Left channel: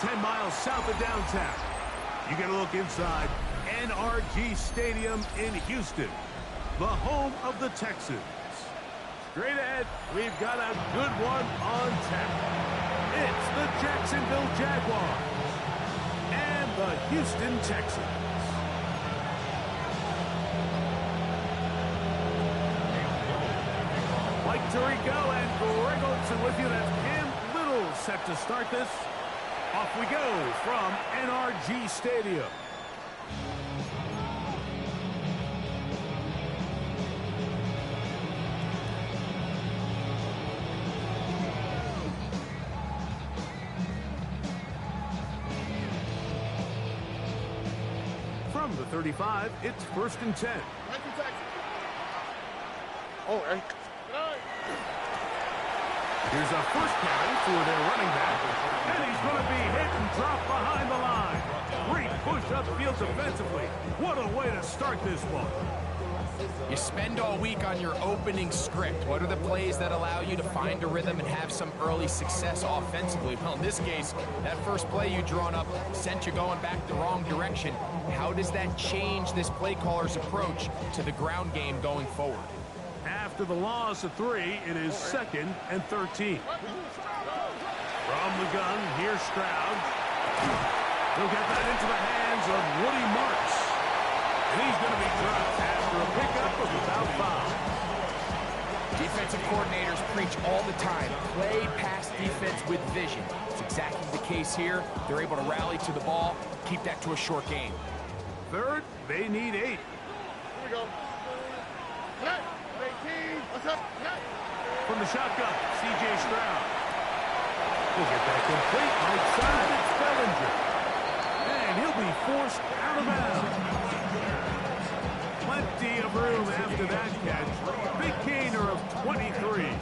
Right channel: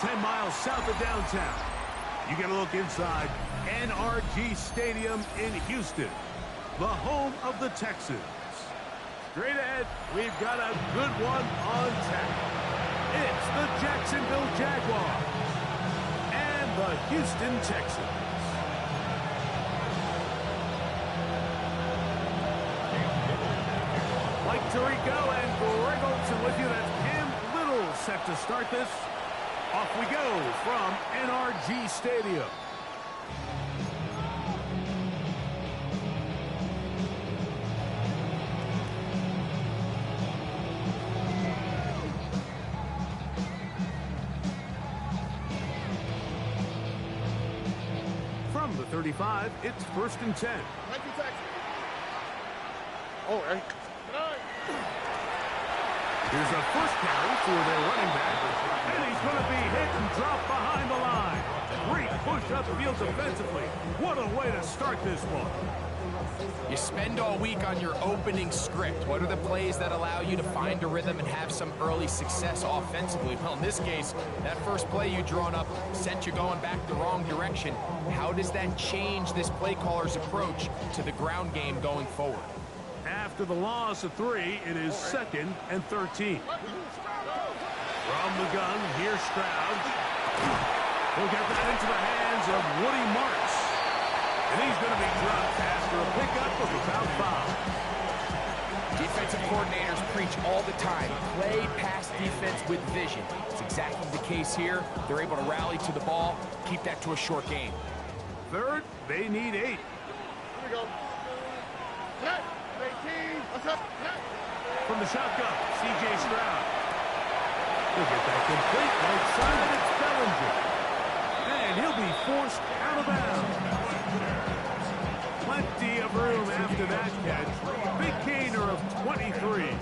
10 miles south of downtown. You get a look inside NRG Stadium in Houston, the home of the Texans. Straight ahead, we've got a good one on tap. It's the Jacksonville Jaguars and the Houston Texans. Mike Tirico and Greg Olson with you. That's Cam Little set to start this. Off we go from NRG Stadium. From the 35, it's 1st and 10. Oh, hey. Here's a first carry for their running back, and he's going to be hit and dropped behind the line. Great push upfield defensively. What a way to start this one. You spend all week on your opening script. What are the plays that allow you to find a rhythm and have some early success offensively? Well, in this case, that first play you drawn up sent you going back the wrong direction. How does that change this play caller's approach to the ground game going forward? After the loss of 3, it is 2nd and 13. From the gun, here's Stroud. He'll get that into the hands of Woody Marks. And he's going to be dropped after a pickup of about 5. Defensive coordinators preach all the time, play pass defense with vision. It's exactly the case here. They're able to rally to the ball, keep that to a short game. 3rd, they need 8. Here we go. Connect. 18. What's up? Connect. From the shotgun, C.J. Stroud. He'll get that complete right side. It's Bellinger. And he'll be forced out of bounds. Plenty of room after that catch. Big gainer of 23.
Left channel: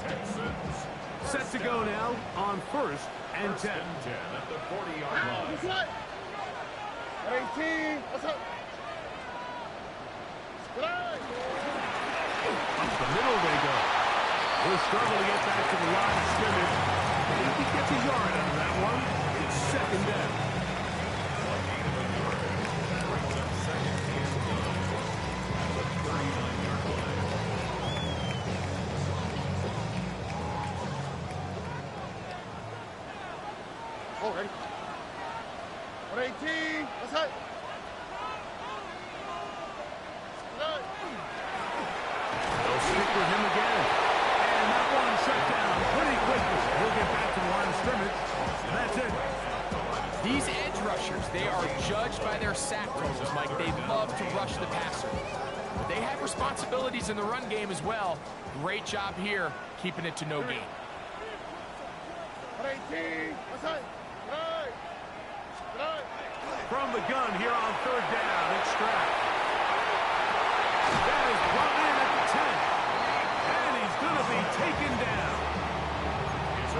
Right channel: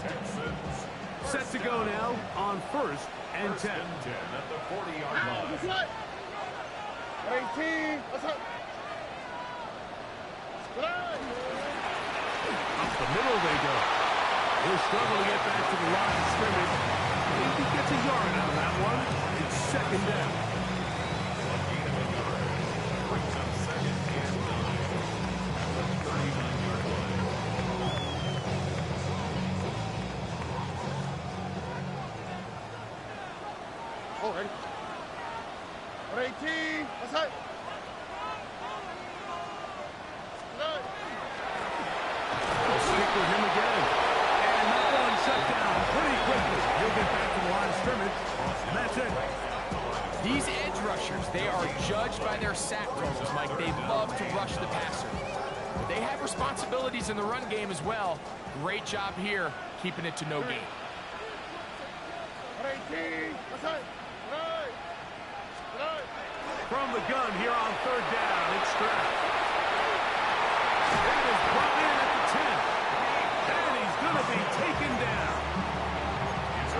Set to go now on 1st and 10. At the 40-yard line. 18. What's up? Up the middle they go. He'll struggle to get back to the line of scrimmage. If he gets a yard out of that one, it's 2nd down. Brings up 2nd and 9 at the 39-yard line. Oh, ready. 18. What's up? They'll stick with him again. And that one shut down pretty quickly. He'll get back to the line of scrimmage. And that's it. These edge rushers, they are judged by their sack totals, Mike. They love to rush the passer. But they have responsibilities in the run game as well. Great job here, keeping it to no gain. 18. What's up? From the gun here on 3rd down, it's Stroud. That is brought in at the 10. And he's going to be taken down.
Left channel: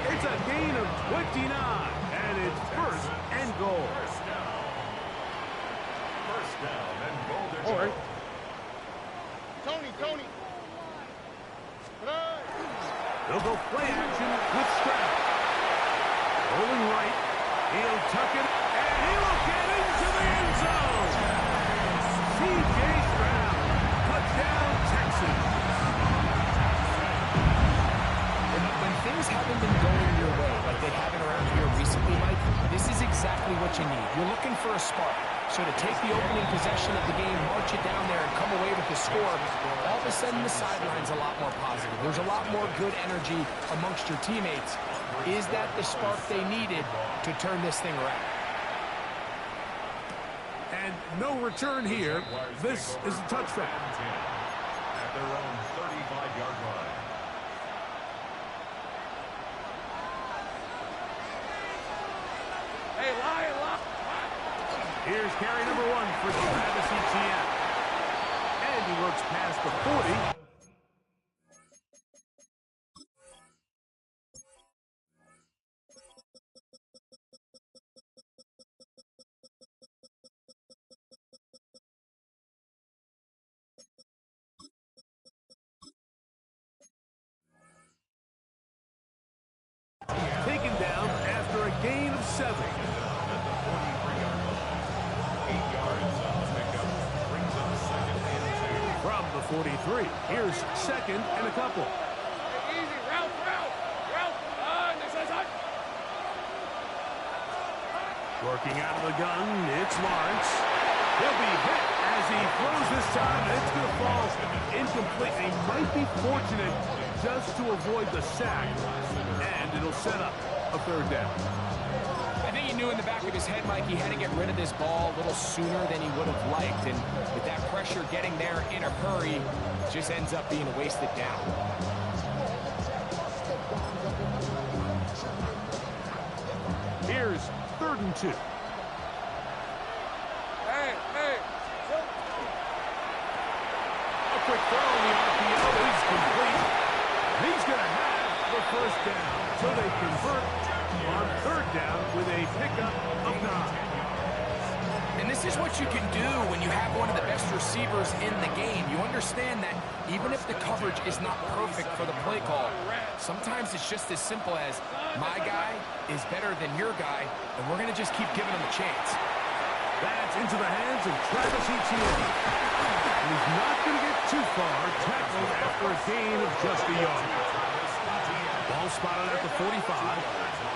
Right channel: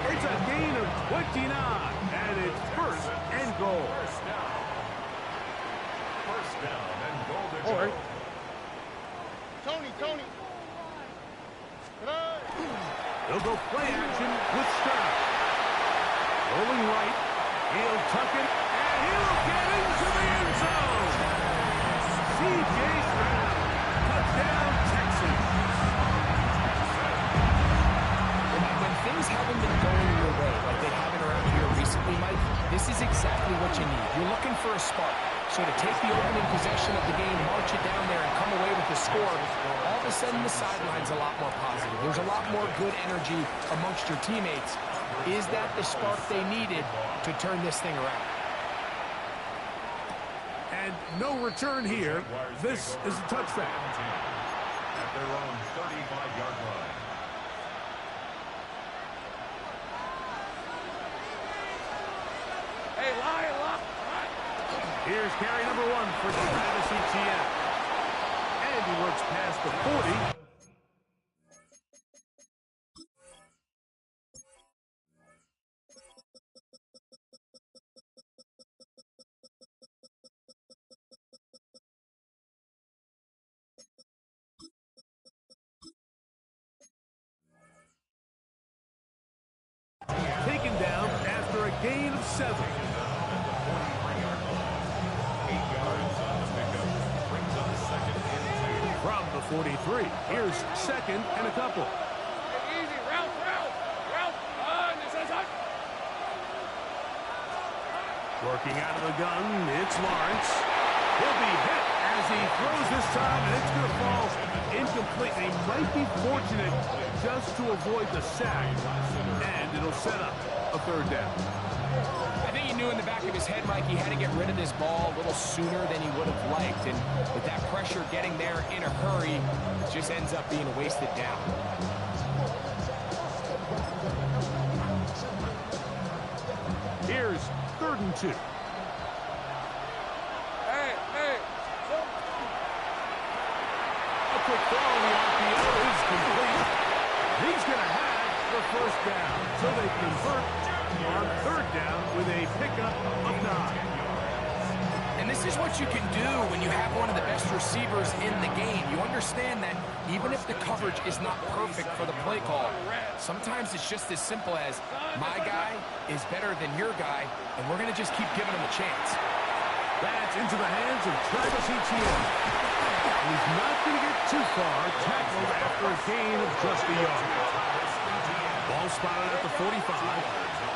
It's a gain of 29. And it's 1st and goal. First down and goal to All go. right. Tony. They'll go play action with Stroud. Rolling right. He'll tuck it. And he will get into the end zone. C.J. Stroud. Touchdown, Texans. When things haven't been going your way like they haven't around here recently, Mike, this is exactly what you need. You're looking for a spark. So to take the opening possession of the game, march it down there, and come away with the score, all of a sudden the sideline's a lot more positive. There's a lot more good energy amongst your teammates. Is that the spark they needed to turn this thing around? And no return here. This is a touchback. At their own 35-yard line. Hey, lie. Here's carry number 1 for Travis Etienne. And he works past the 40. Taken down after a gain of 7. 43. Here's second and a couple. Hey, easy. Route. This is hot. Working out of the gun, it's Lawrence. He'll be hit as he throws this time, and it's going to fall incomplete. And he might be fortunate just to avoid the sack, and it'll set up a third down. I think he knew in the back of his head, Mike, he had to get rid of this ball a little sooner than he would have liked. And with that pressure getting there in a hurry, it just ends up being a wasted down. Here's 3rd and 2. Hey. A quick throw in the RPO is complete. He's going to have the first down. So they convert on 3rd down with a pickup of 9. And this is what you can do when you have one of the best receivers in the game. You understand that even if the coverage is not perfect for the play call, sometimes it's just as simple as my guy is better than your guy, and we're going to just keep giving him a chance. That's into the hands of Travis Etienne. He's not going to get too far, tackled after a gain of just a yard. Ball spotted at the 45.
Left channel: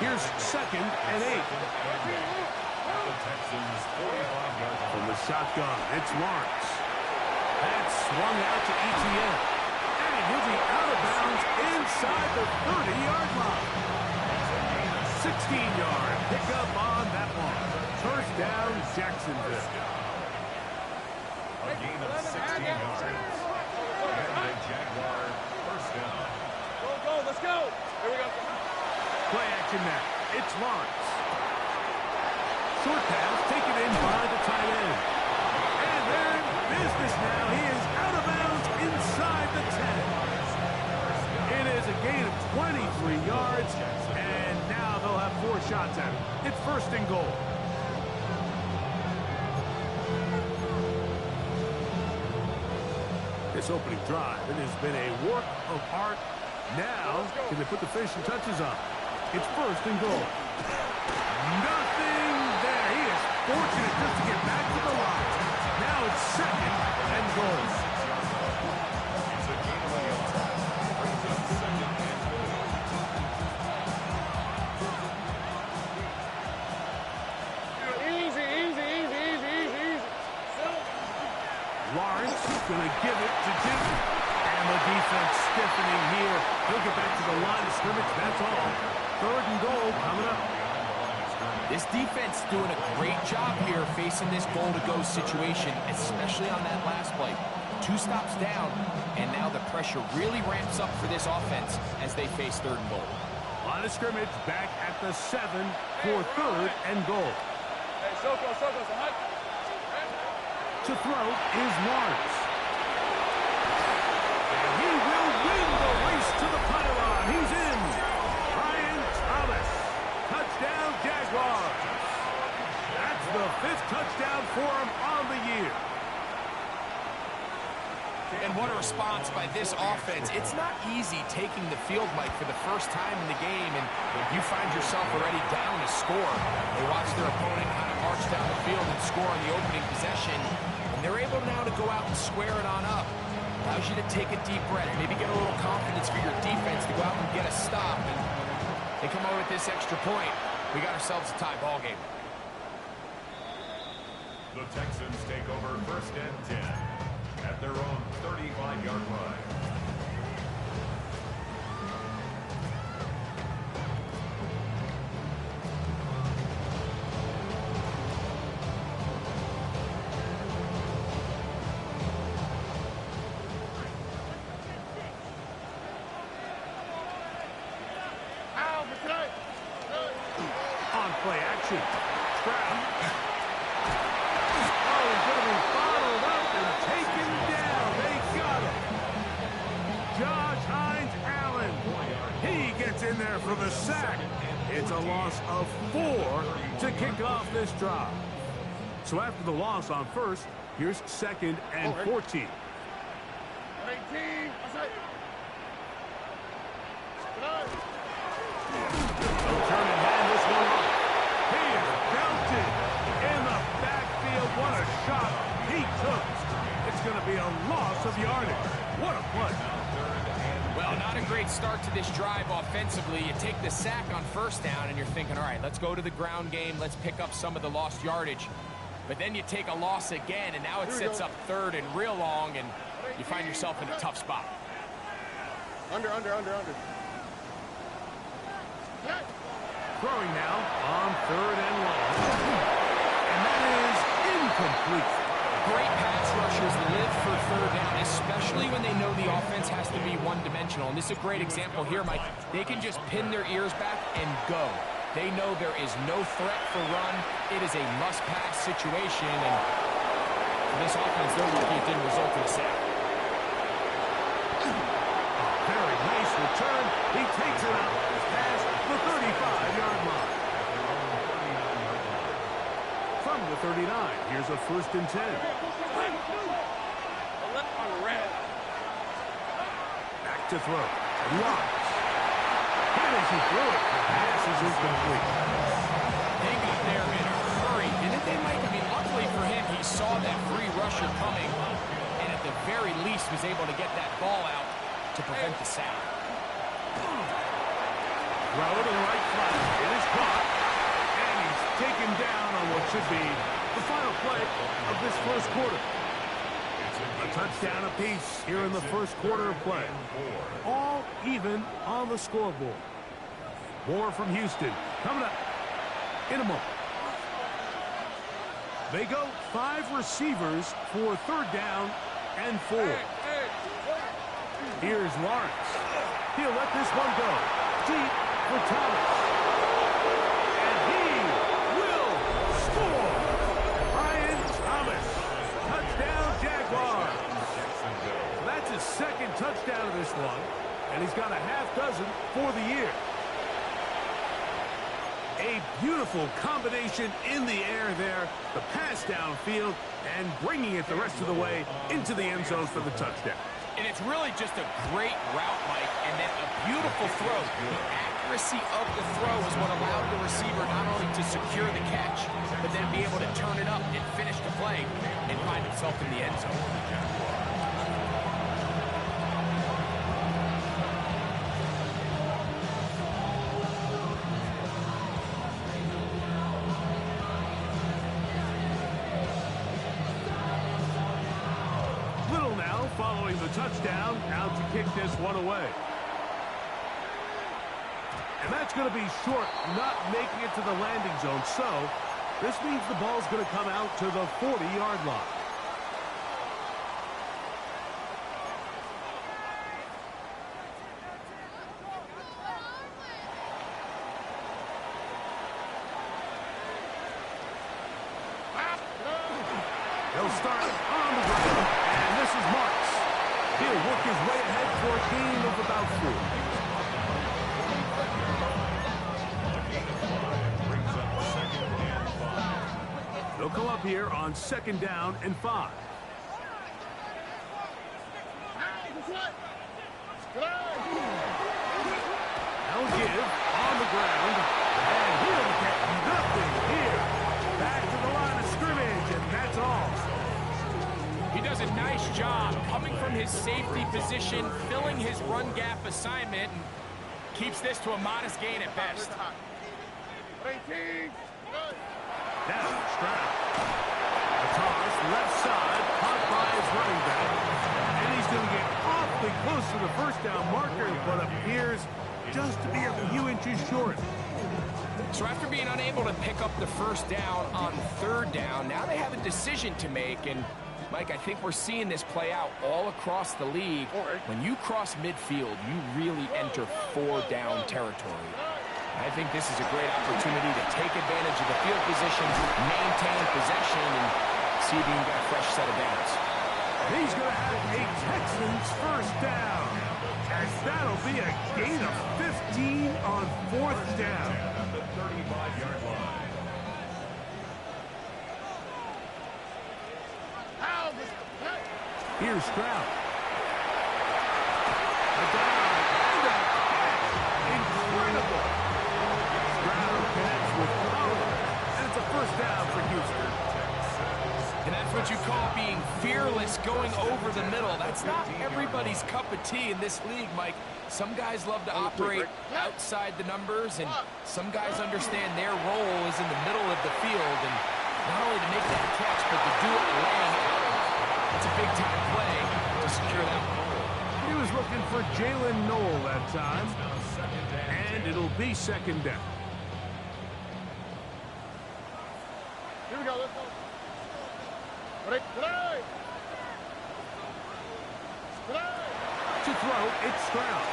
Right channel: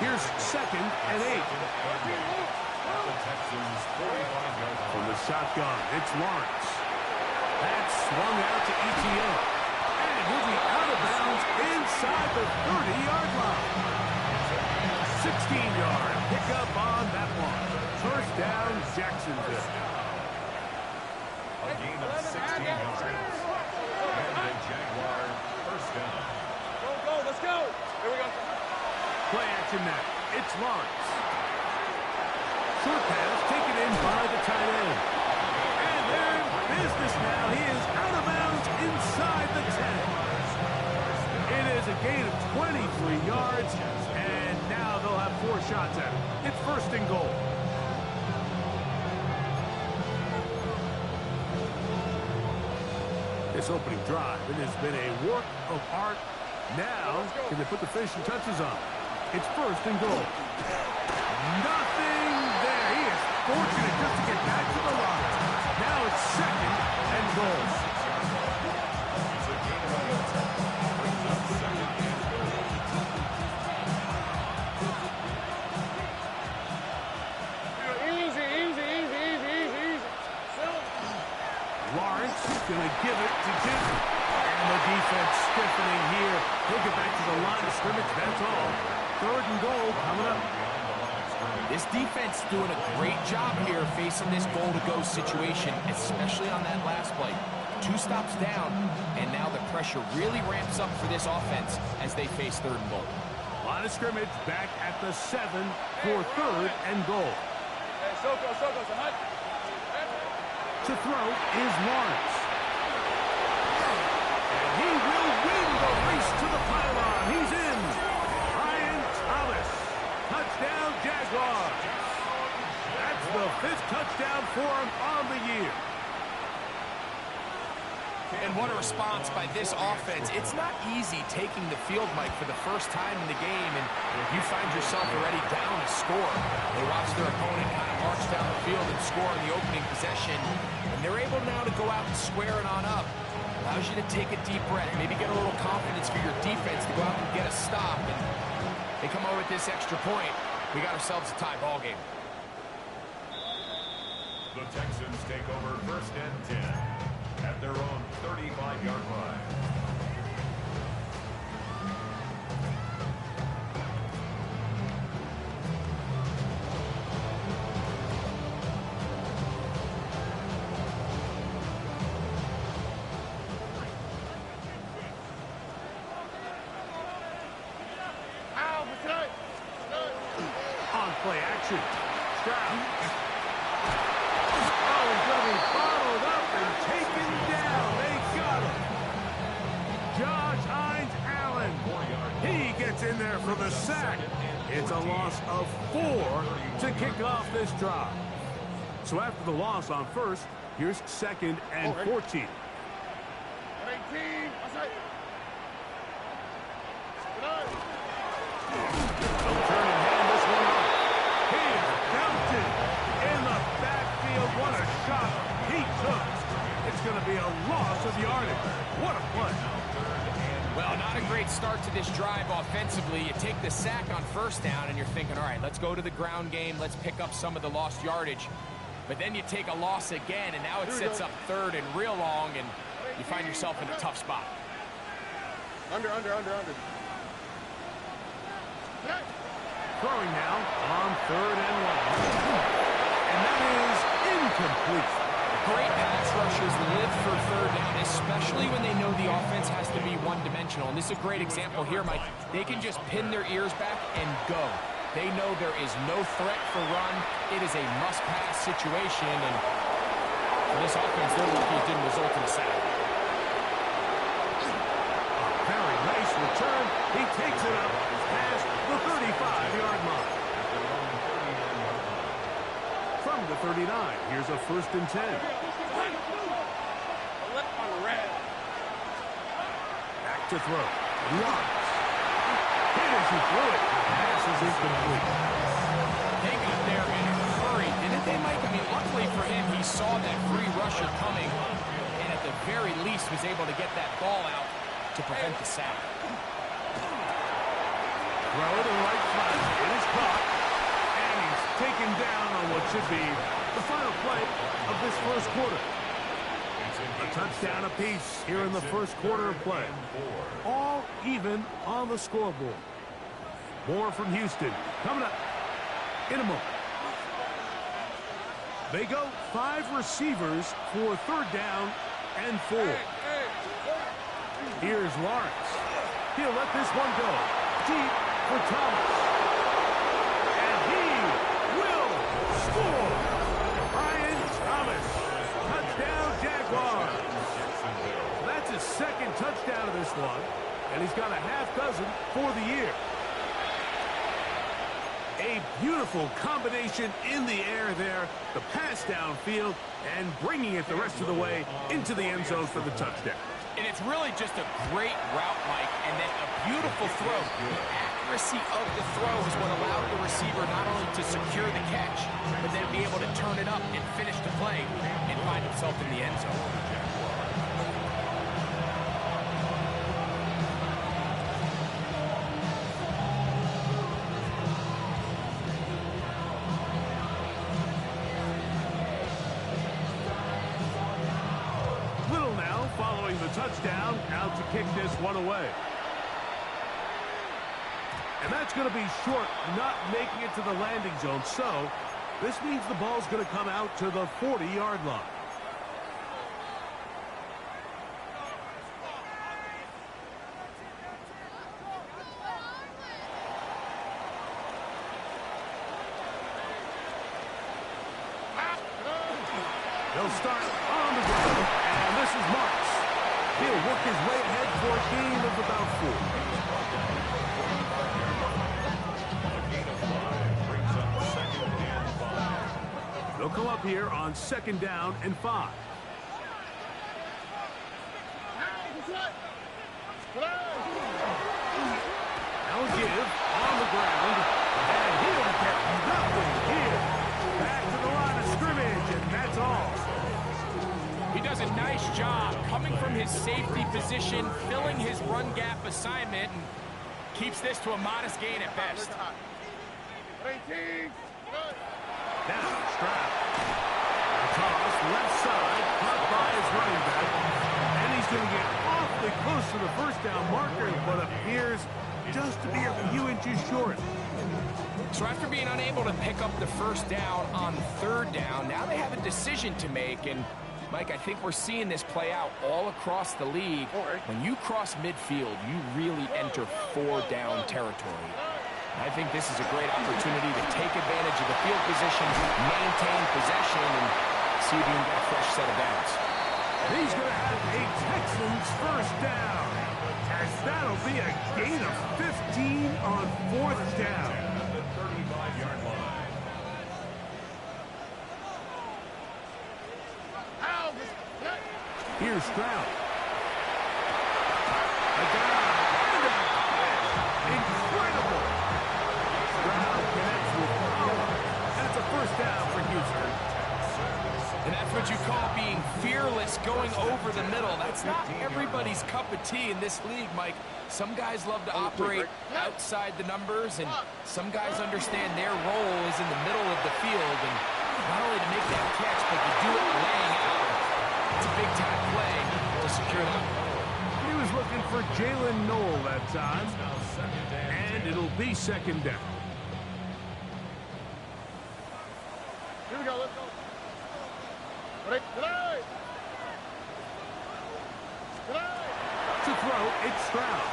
Here's 2nd and 8. From the shotgun, it's Lawrence. That's swung out to Etienne. And he'll be out of bounds inside the 30-yard line. 16-yard pickup on that one. First down, Jacksonville. A gain of 16 yards. And a Jaguar first down. Go. Let's go. Here we go. Play action now. It's Lawrence. Short pass taken in by the tight end. And they're in business now. He is out of bounds inside the 10. It is a gain of 23 yards, and now they'll have 4 shots at him. It's 1st and goal. This opening drive, it has been a work of art. Now, can they put the finishing touches on? It's 1st and goal. Nothing there. He is fortunate just to get back to the line. Now it's 2nd and goal. It's a gain of a yard. Brings up 2nd and goal. Easy. Lawrence going to give it to Jimmy. And the defense stiffening here. He'll get back to the line of scrimmage. That's all. 3rd and goal coming up. This defense doing a great job here facing this goal-to-go situation, especially on that last play. 2 stops down, and now the pressure really ramps up for this offense as they face 3rd and goal. Line of scrimmage back at the 7 for 3rd and goal. Hey, Soko, so hot. To throw is Lawrence. And he will win the race to the pylon. He's in. Brian Thomas. Touchdown, Jaguars. That's the 5th touchdown for him on the year. And what a response by this offense. It's not easy taking the field, Mike, for the first time in the game, and you find yourself already down a score. They watch their opponent kind of march down the field and score in the opening possession, and they're able now to go out and square it on up. Allows you to take a deep breath, maybe get a little confidence for your defense to go out and get a stop, and they come over with this extra point. We got ourselves a tie ball game. The Texans take over 1st and 10 at their own 35-yard line. On play action. Stroud. Oh, he's going to be bottled up and taken down. They got him. Josh Hines-Allen. He gets in there for the sack. It's a loss of 4 to kick off this drive. So after the loss on 1st, here's 2nd and 14. 18. They'll turn and hand this one off. He is belted in the backfield. What a shot he took. It's going to be a loss of yardage. What a play. Well, not a great start to this drive offensively. You take the sack on first down, and you're thinking, all right, let's go to the ground game. Let's pick up some of the lost yardage. But then you take a loss again, and now it sets up third and real long, and you find yourself in a tough spot. Under. Throwing now on third and long. And that is incomplete. Great pass rushers live for third down, especially when they know the offense has to be one-dimensional. And this is a great example here, Mike. They can just pin their ears back and go. They know there is no threat for run. It is a must-pass situation, and for this offense, they're lucky it didn't result in a sack. A very nice return. He takes it out past the 35-yard line. From the 39, here's a 1st and 10. Back to throw. Lawrence. Hit as he threw it. The pass is incomplete. They got there in a hurry, didn't they, Mike? I mean, luckily for him, he saw that free rusher coming, and at the very least was able to get that ball out to prevent the sack. Throw to the right flat. It is caught. And he's taken down on what should be the final play of this first quarter. A touchdown apiece here in the first quarter of play. All even on the scoreboard. More from Houston coming up in a moment. They go 5 receivers for 3rd down and 4. Here's Lawrence. He'll let this one go deep for Thomas. And he will score. Brian Thomas. Touchdown, Jaguars. So that's his 2nd touchdown of this one, and he's got a half dozen for the year. A beautiful combination in the air there, the pass downfield, and bringing it the rest of the way into the end zone for the touchdown. And it's really just a great route, Mike, and then a beautiful throw. The accuracy of the throw is what allowed the receiver not only to secure the catch, but then be able to turn it up and finish the play and find himself in the end zone. Following the touchdown, out to kick this one away. And that's going to be short, not making it to the landing zone. So this means the ball's going to come out to the 40-yard line. They'll start on the ground, and this is Marks. He'll work his way ahead for a gain of about 4. They'll come up here on 2nd down and 5. Now give on the ground, and he'll get nothing here. Back to the line of scrimmage, and that's all. He does a nice job coming from his safety position, filling his run gap assignment, and keeps this to a modest gain at best. Down, Stroud. A toss, left side, caught by his running back. And he's going to get awfully close to the first down marker, but appears just to be a few inches short. So after being unable to pick up the first down on 3rd down, now they have a decision to make, and Mike, I think we're seeing this play out all across the league. When you cross midfield, you really enter 4-down territory. I think this is a great opportunity to take advantage of the field position, maintain possession, and see if you can get a fresh set of downs. And he's going to have a Texans first down, as that'll be a gain of 15 on 4th down. At the 35-yard line. Here's Stroud. A dive and a catch. Incredible. Stroud connects with power. And it's a first down for Houston. And that's what you call being fearless, going over the middle. That's not everybody's cup of tea in this league, Mike. Some guys love to operate outside the numbers, and some guys understand their role is in the middle of the field, and not only to make that catch, but to do it laying out. It's a big-time play to secure that one. He was looking for Jalen Noel that time, and it'll be second down. Here we go, let's go. Ready? Today! To throw, it's Stroud.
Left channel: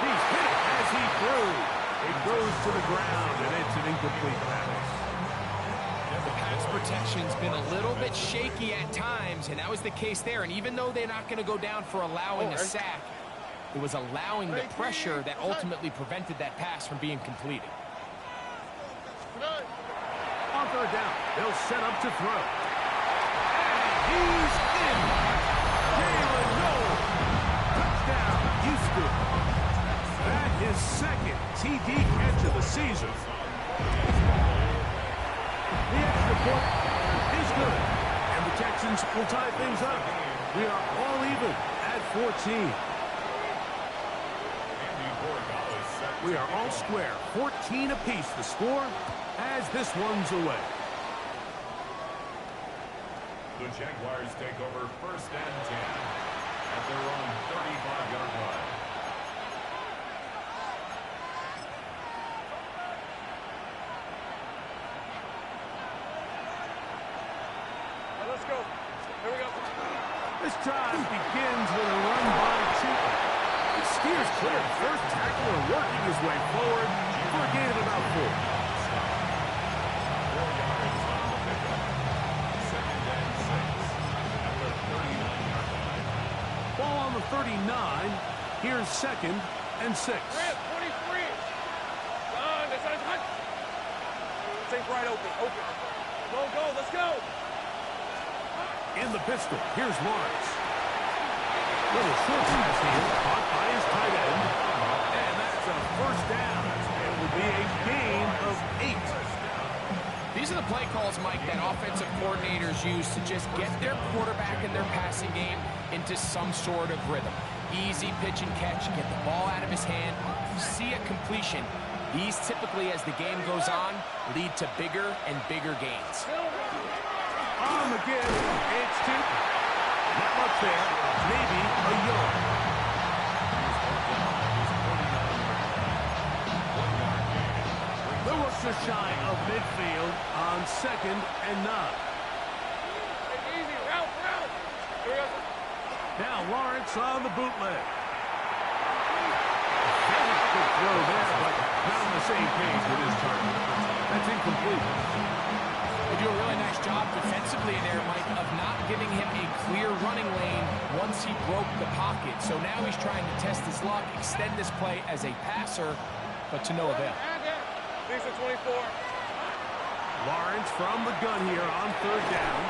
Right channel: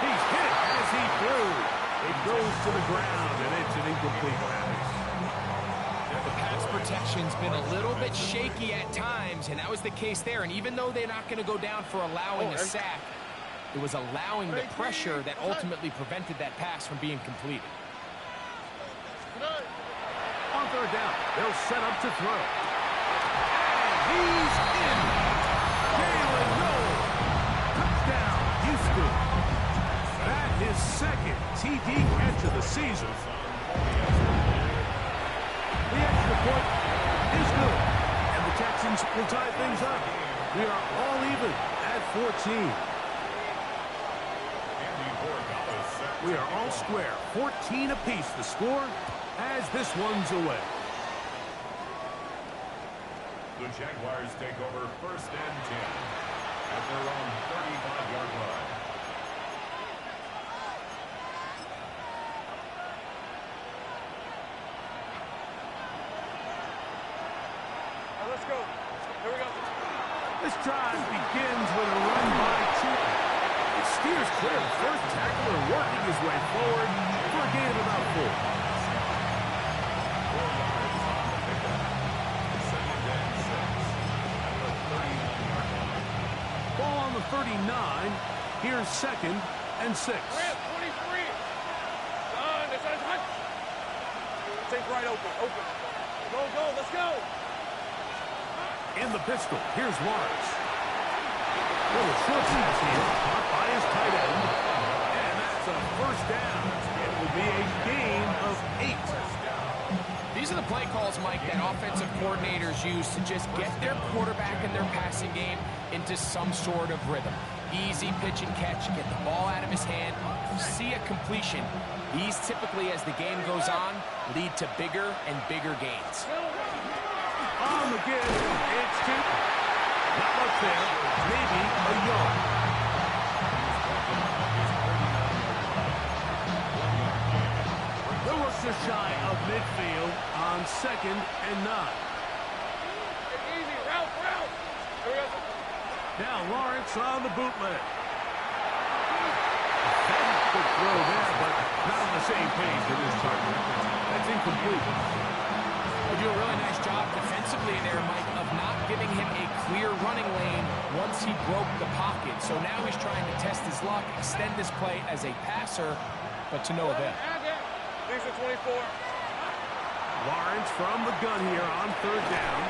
He's hit it as he threw. It goes to the ground, and it's an incomplete pass. The pass protection's been a little bit shaky at times, and that was the case there. And even though they're not going to go down for allowing a sack, it was allowing the pressure that ultimately prevented that pass from being completed. On third down, they'll set up to throw. And he's in. Jalen Noel. Touchdown, Houston. That his second TD catch of the season. The extra point is good. And the Texans will tie things up. We are all even at 14. We are all square. 14 apiece the score as this one's away. The Jaguars take over 1st and 10 at their own 35-yard line. All right, let's go. Here we go. This drive begins with a run by Chipper. He steers clear of the first tackler, working his way forward for a gain of about 4. 4 yards on the pickup. 2nd and 6 at the 39-yard line. Ball on the 39. Here's 2nd and 6. 23. Done. That's hot. Take right open. Go, let's go. In the pistol, here's Lawrence. Little short pass here, caught by his tight end. And that's a first down. It will be a gain of 8. These are the play calls, Mike, that offensive coordinators use to just get their quarterback and their passing game into some sort of rhythm. Easy pitch and catch, get the ball out of his hand, see a completion. These typically, as the game goes on, lead to bigger and bigger gains. On the give, it's 2. Not much there, maybe a yard. They'll work just shy of midfield on 2nd and 9. Easy, route. Here we go. Now Lawrence on the bootleg. Very good throw there, but not on the same page with his target. That's incomplete. They do a really nice job defensively in there, Mike, of not giving him a clear running lane once he broke the pocket. So now he's trying to test his luck, extend this play as a passer, but to no avail. These are 24. Lawrence from the gun here on 3rd down.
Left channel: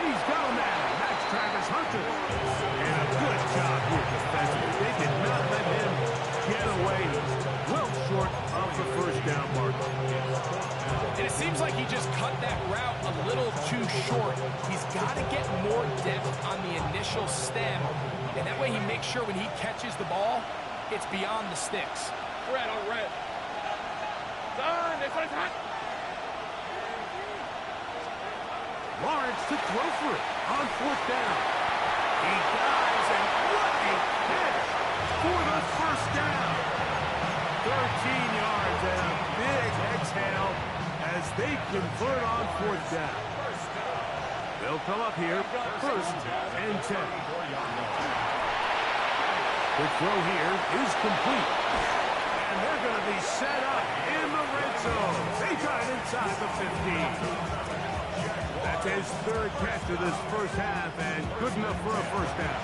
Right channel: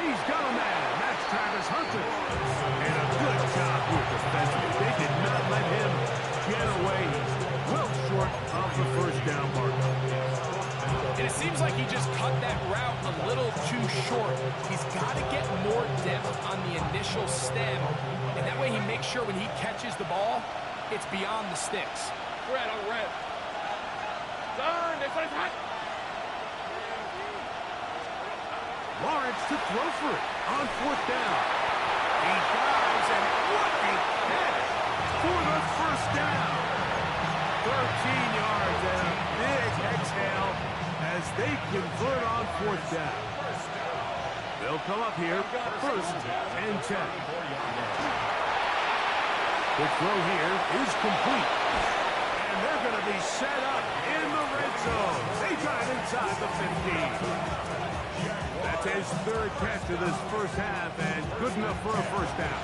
He's got a man. That's Travis Hunter. And a good job here defensively. They did not let him get away. Well short of the first down mark. And it seems like he just cut that route a little too short. He's got to get more depth on the initial stem. And that way he makes sure when he catches the ball, it's beyond the sticks. Red on red. Done. This one's hot. Lawrence to throw for it on 4th down. He dives, and what a catch for the first down. 13 yards and a big exhale as they convert on 4th down. They'll come up here 1st and 10. Quick throw here is complete. And they're going to be set up in the red zone. They got it inside the 15. That's his 3rd catch of this first half, and good enough for a first down.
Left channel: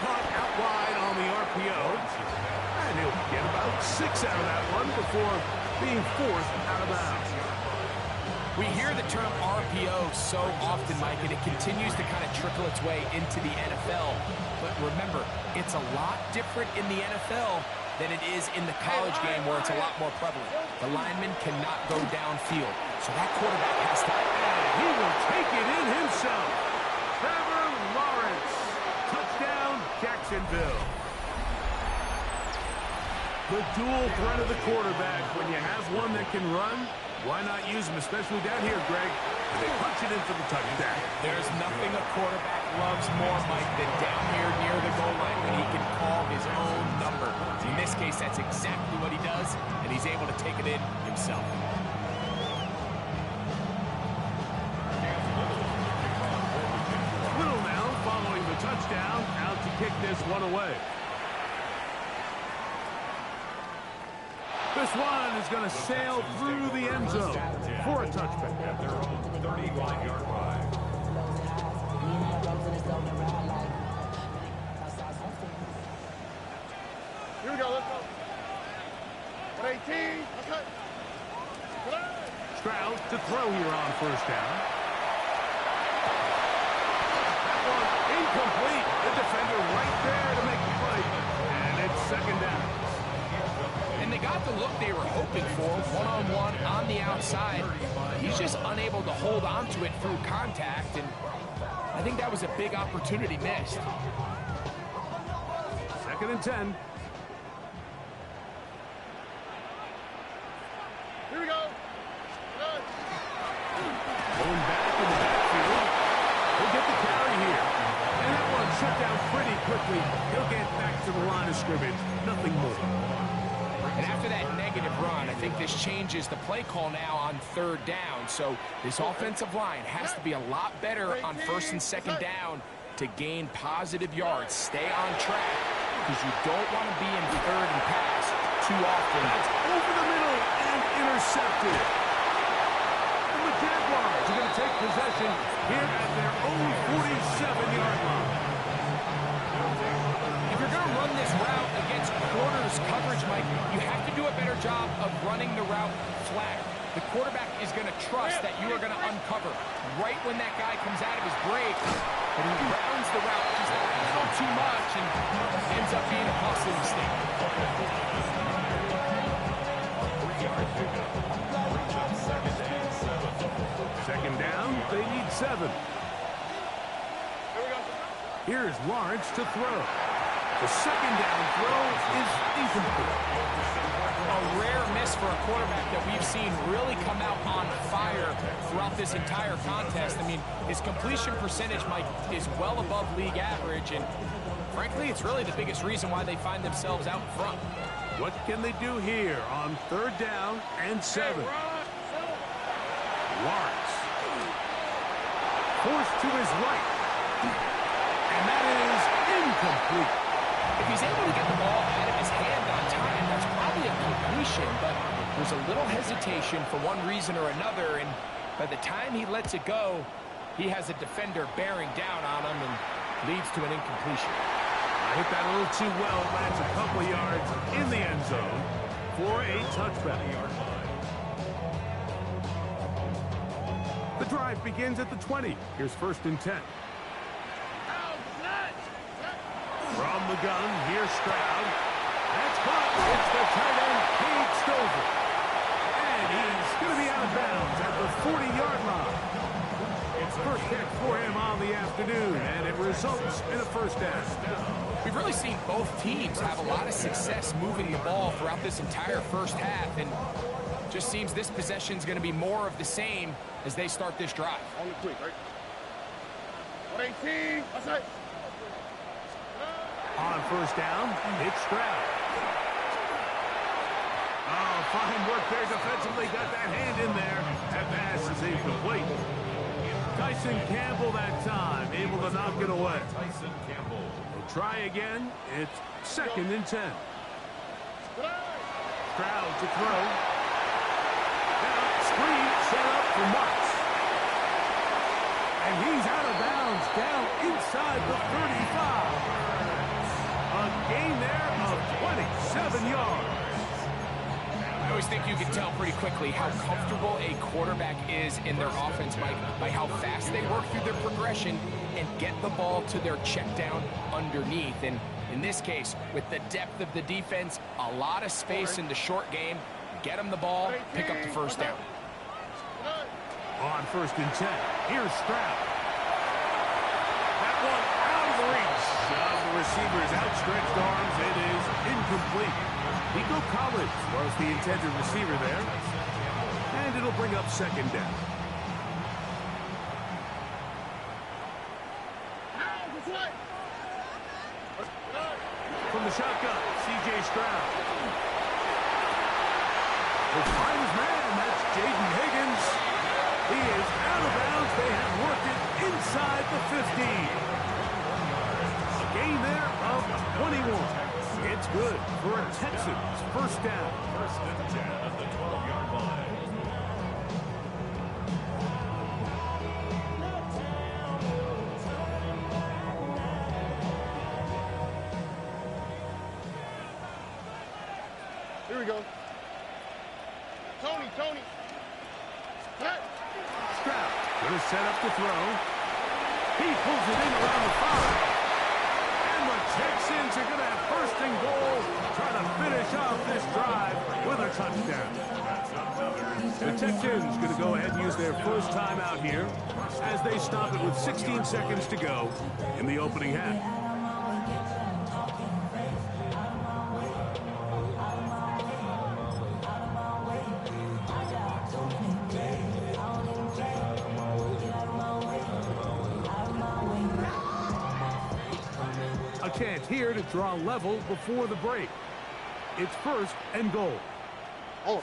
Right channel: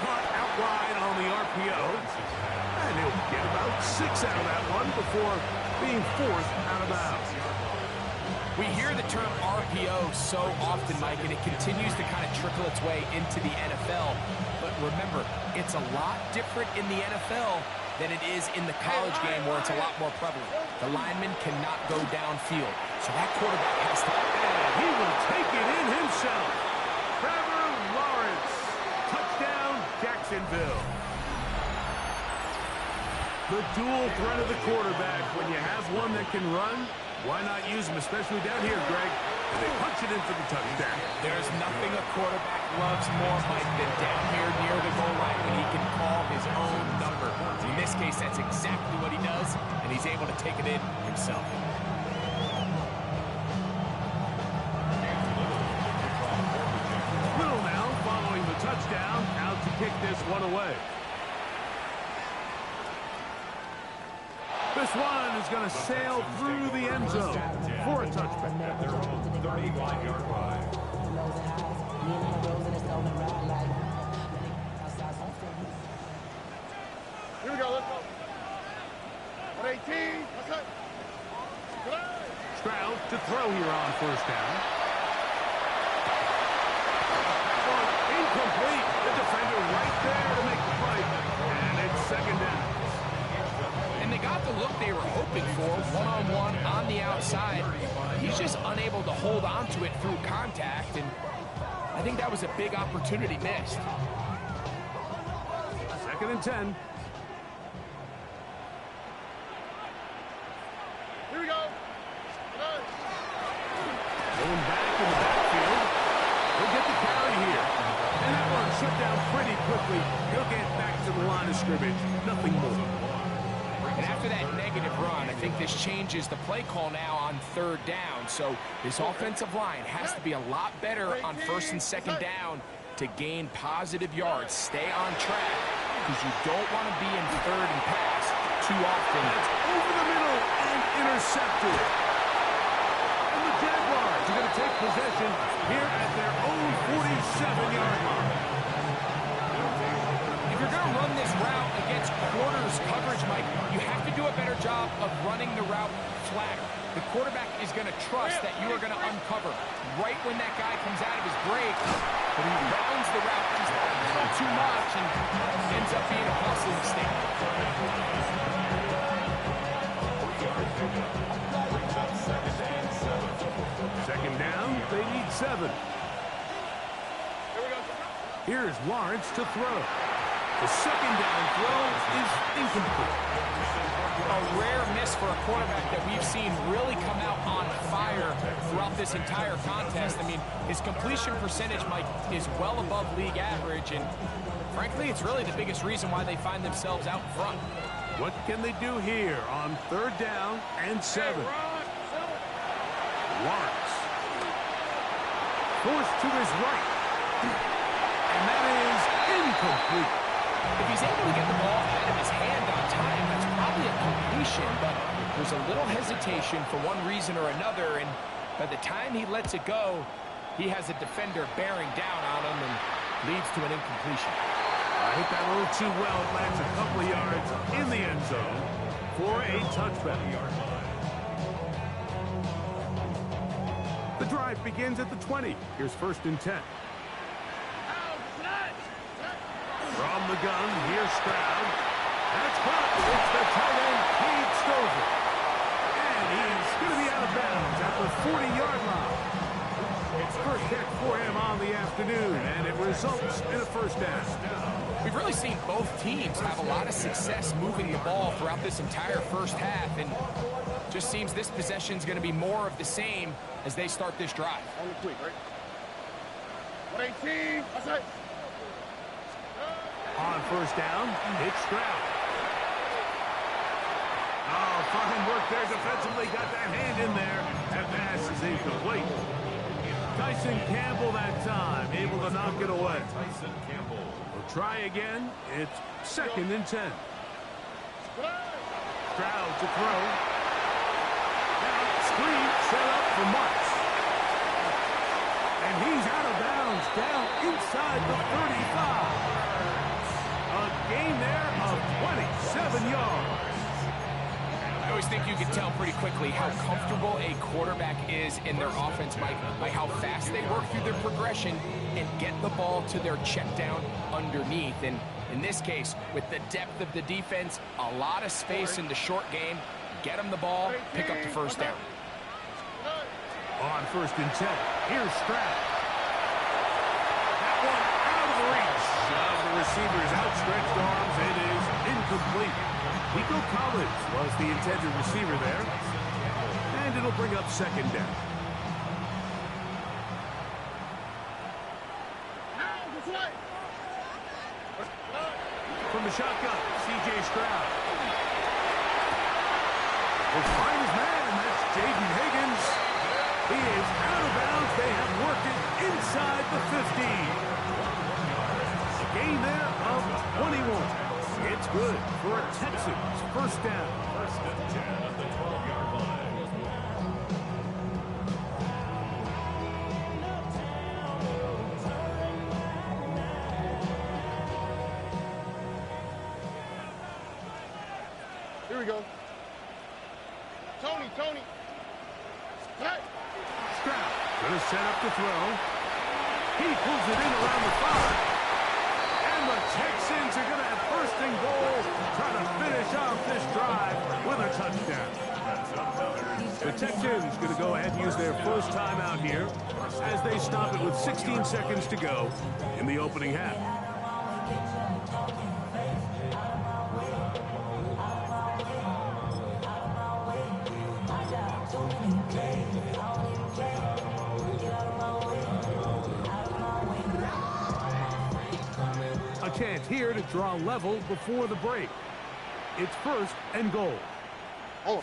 caught out wide on the RPO. And he'll get about 6 out of that one before being forced out of bounds. We hear the term RPO so often, Mike, and it continues to kind of trickle its way into the NFL. But remember, it's a lot different in the NFL than it is in the college game where it's a lot more prevalent. The lineman cannot go downfield, so that quarterback has to... And he will take it in himself. Trevor Lawrence. Touchdown, Jacksonville. The dual threat of the quarterback. When you have one that can run, why not use him, especially down here, Greg? And they punch it in for the touchdown. There's nothing a quarterback loves more, Mike, than down here near the goal line when he can call his own number. In this case, that's exactly what he does, and he's able to take it in himself. Little now following the touchdown, out to kick this one away. This one is going to sail through the end zone for a touchback. At their own 35-yard line. Here we go, let's go. 118, let's go. Stroud to throw here on first down. That one incomplete. The defender right there to make the play. And it's second down. And they got the look they were hoping for, one-on-one on the outside. He's just unable to hold on to it through contact, and I think that was a big opportunity missed. Second and 10. Here we go. Going back in the backfield. He'll get the carry here. And that one shut down pretty quickly. He'll get back to the line of scrimmage. Nothing more. And after that negative run, I think this changes the play call now on third down. So this offensive line has to be a lot better on first and second down to gain positive yards. Stay on track because you don't want to be in third and pass too often. That's over the middle and intercepted. And the Jaguars are going to take possession here at their own 47-yard line. If you're going to run this route against quarters coverage, Mike, you have to do a better job of running the route flatter. The quarterback is going to trust that you are going to uncover right when that guy comes out of his break, but he rounds the route just a little too much and ends up being a costly mistake. Second down, they need 7. Here we go. Here's Lawrence to throw. The second down throw is incomplete. A rare miss for a quarterback that we've seen really come out on fire throughout this entire contest. I mean, his completion percentage, Mike, is well above league average, and frankly, it's really the biggest reason why they find themselves out in front. What can they do here on third down and 7? Lawrence. Forced to his right. And that is incomplete. If he's able to get the ball out of his hand on time, that's probably a completion, but there's a little hesitation for one reason or another, and by the time he lets it go, he has a defender bearing down on him and leads to an incompletion. I hit that a little too well. It lands a couple of yards in the end zone for a touchback. The drive begins at the 20. Here's first and 10. From the gun, here's Stroud. That's caught. It's the tight end, Cade Stover. And he's going to be out of bounds at the 40-yard line. It's first catch for him on the afternoon, and it results in a first down. We've really seen both teams have a lot of success moving the ball throughout this entire first half, and just seems this possession is going to be more of the same as they start this drive. On the quick, right? 118, that's it. On first down, it's Stroud. Oh, fine work there defensively. Got that hand in there. That pass is incomplete. Tyson Campbell that time, able to knock it away. Tyson Campbell. We'll try again. It's second and 10. Stroud to throw. Now, screen set up for Marks. And he's out of bounds, down inside the 35. 11 yards. I always think you can tell pretty quickly how comfortable a quarterback is in their offense, Mike, by how fast they work through their progression and get the ball to their check down underneath. And in this case, with the depth of the defense, a lot of space in the short game, get them the ball, pick up the first down. On 1st and 10, here's Stroud. That one out of the reach of the receiver's outstretched arms. It is incomplete. Nico Collins was the intended receiver there. And it'll bring up 2nd down. From the shotgun, C.J. Stroud. Will find his man. That's Jaden Higgins. He is out of bounds. They have worked it inside the 15. A gain there of 21. It's good for a Texans 1st down. 1st and 10 at the 12-yard line. Here we go. Tony. Cut. Stroud going to set up to throw. He pulls it in around the 5. And the Texans are going to have 1st and goal, trying to finish off this drive with a touchdown. The Texans going to go ahead and use their first timeout here as they stop it with 16 seconds to go in the opening half. A chance here to draw level before the break. It's 1st and goal. Oh.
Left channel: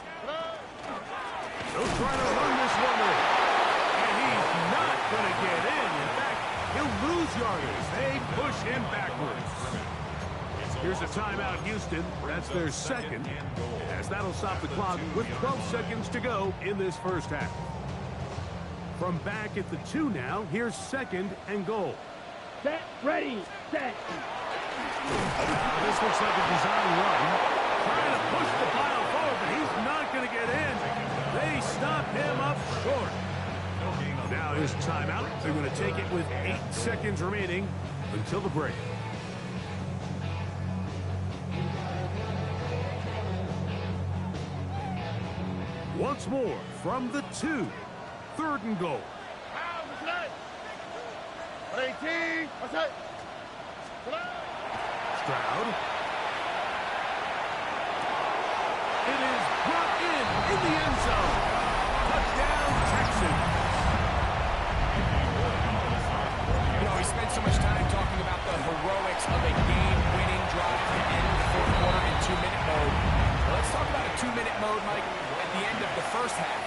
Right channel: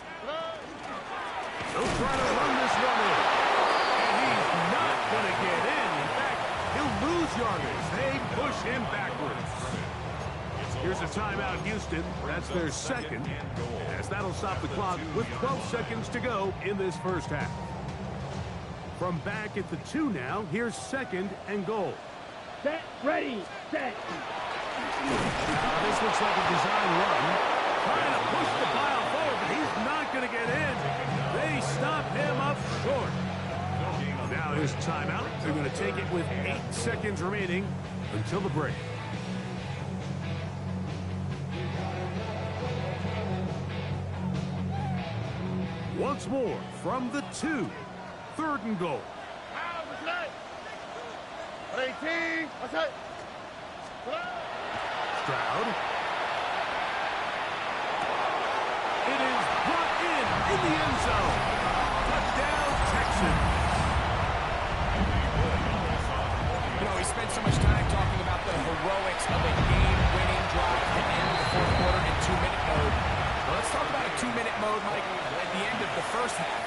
They'll try to run this one in. And he's not going to get in. In fact, he'll lose yardage. They push him backwards. Here's a timeout, Houston. That's their 2nd, as that'll stop the clock with 12 seconds to go in this first half. From back at the 2 now, here's 2nd and goal. Set, ready, set. This looks like a design run. Trying to push the pile forward, but he's not going to get in. They stop him up short. Now his timeout. They're going to take it with 8 seconds remaining until the break. Once more from the 2. 3rd and goal. Stroud. It is brought in the end zone. Touchdown, Texans. You know, he spent so much time talking about the heroics of a game-winning drive to end the 4th quarter in 2-minute mode. Well, let's talk about a 2-minute mode, Mike, at the end of the first half.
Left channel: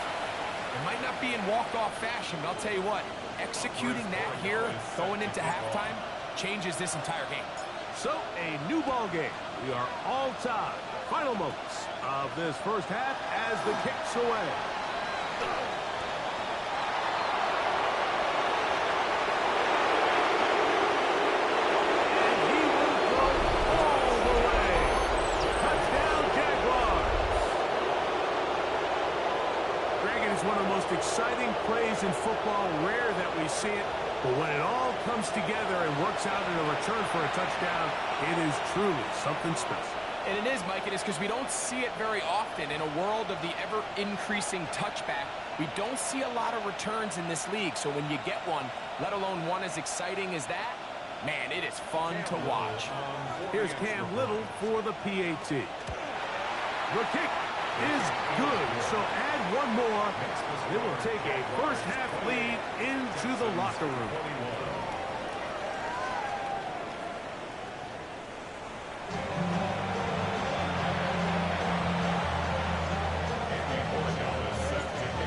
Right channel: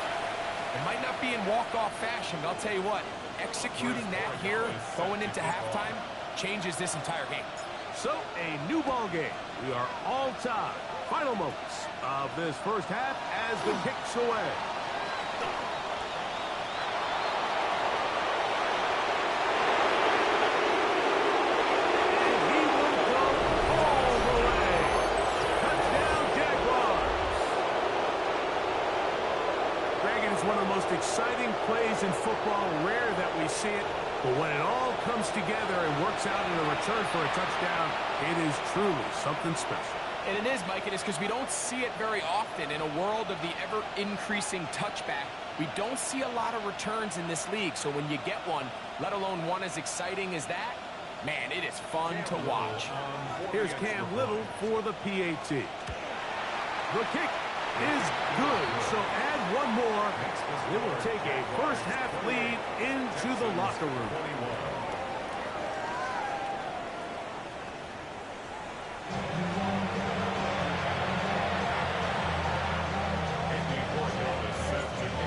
It might not be in walk-off fashion, but I'll tell you what, executing that here, going into halftime, changes this entire game. So, a new ball game. We are all tied. Final moments of this first half as the kick's away. And he will go all the way. Touchdown, Jaguars. Greg, it is one of the most exciting plays in football. Rare that we see it. But when it all comes together and works out in a return for a touchdown, it is truly something special. And it is, Mike. It is because we don't see it very often in a world of the ever-increasing touchback. We don't see a lot of returns in this league. So when you get one, let alone one as exciting as that, man, it is fun to watch. Here's Cam Little for the PAT. The kick is good, so add one more. It will take a first half lead into the locker room.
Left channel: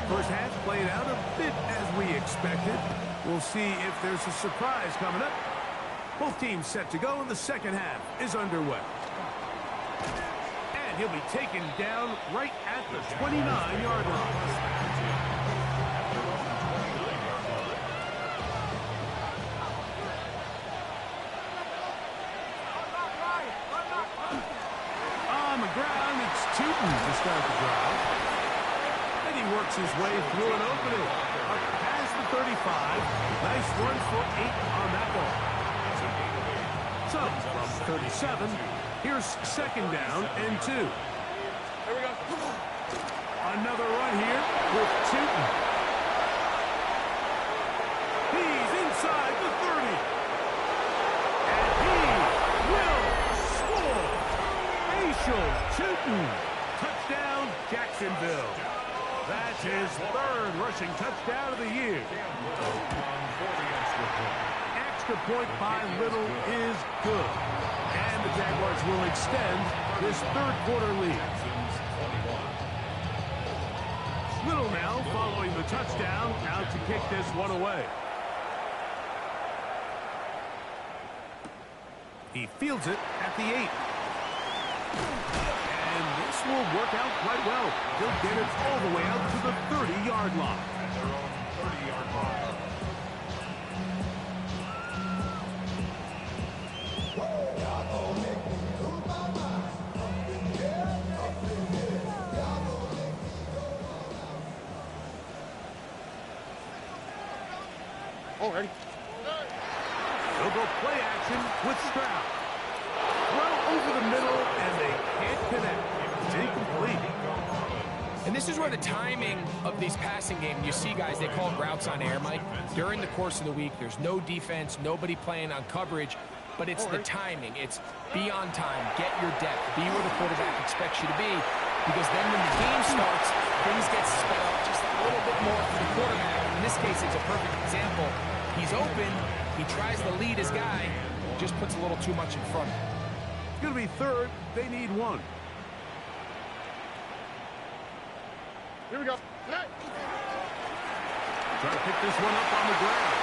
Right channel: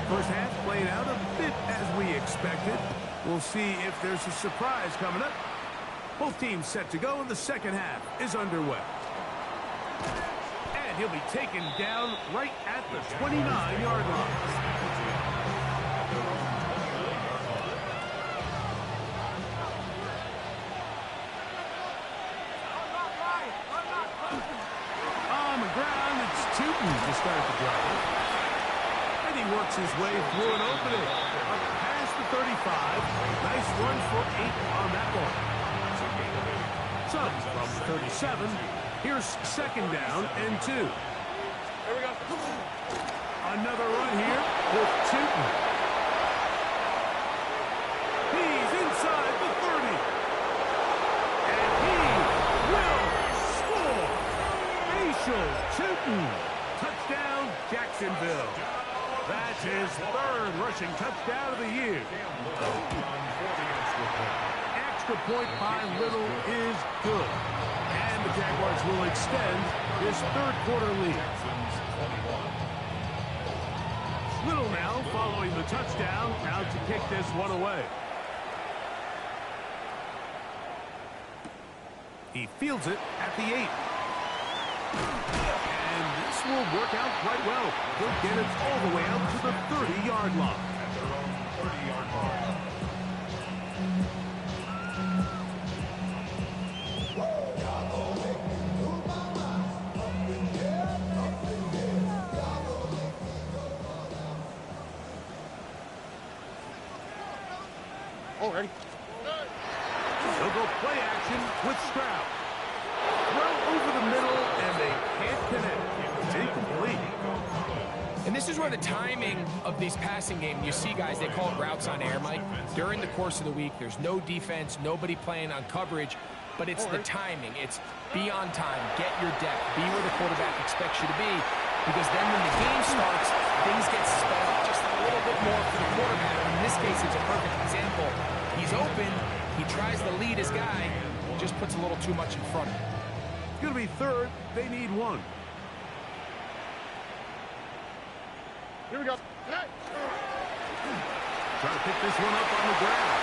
First half played out a bit as we expected. We'll see if there's a surprise coming up. Both teams set to go, and the second half is underway. And he'll be taken down right at the 29-yard line. the ground, it's Tootin to start the drive. And he works his way through an opening. Up past the 35. Nice run for 8 on that ball. So, from 37, here's second down and 2. Here we go. Another run here with Tootin. He's inside the 30. And he will score. Facial Tootin. Touchdown, Jacksonville. That's his 3rd rushing touchdown of the year. Extra point by Little is good. And the Jaguars will extend this 3rd quarter lead. Little now following the touchdown, out to kick this one away. He fields it at the 8. And this will work out quite well. He'll get it all the way out to the 30-yard line. At their own 30-yard line. Oh, ready? He'll go play action with Stroud. Throw over the middle, and they can't connect. It's incomplete. And this is where the timing of these passing games, you see guys, they call it routes on air, Mike. During the course of the week, there's no defense, nobody playing on coverage, but it's the timing. It's be on time, get your depth, be where the quarterback expects you to be, because then when the game starts, things get sped up just a little bit more for the quarterback. In this case, it's a perfect example. He's open, he tries to lead his guy, just puts a little too much in front of him. It's going to be 3rd. They need 1. Here we go. Trying to pick this one up on the ground.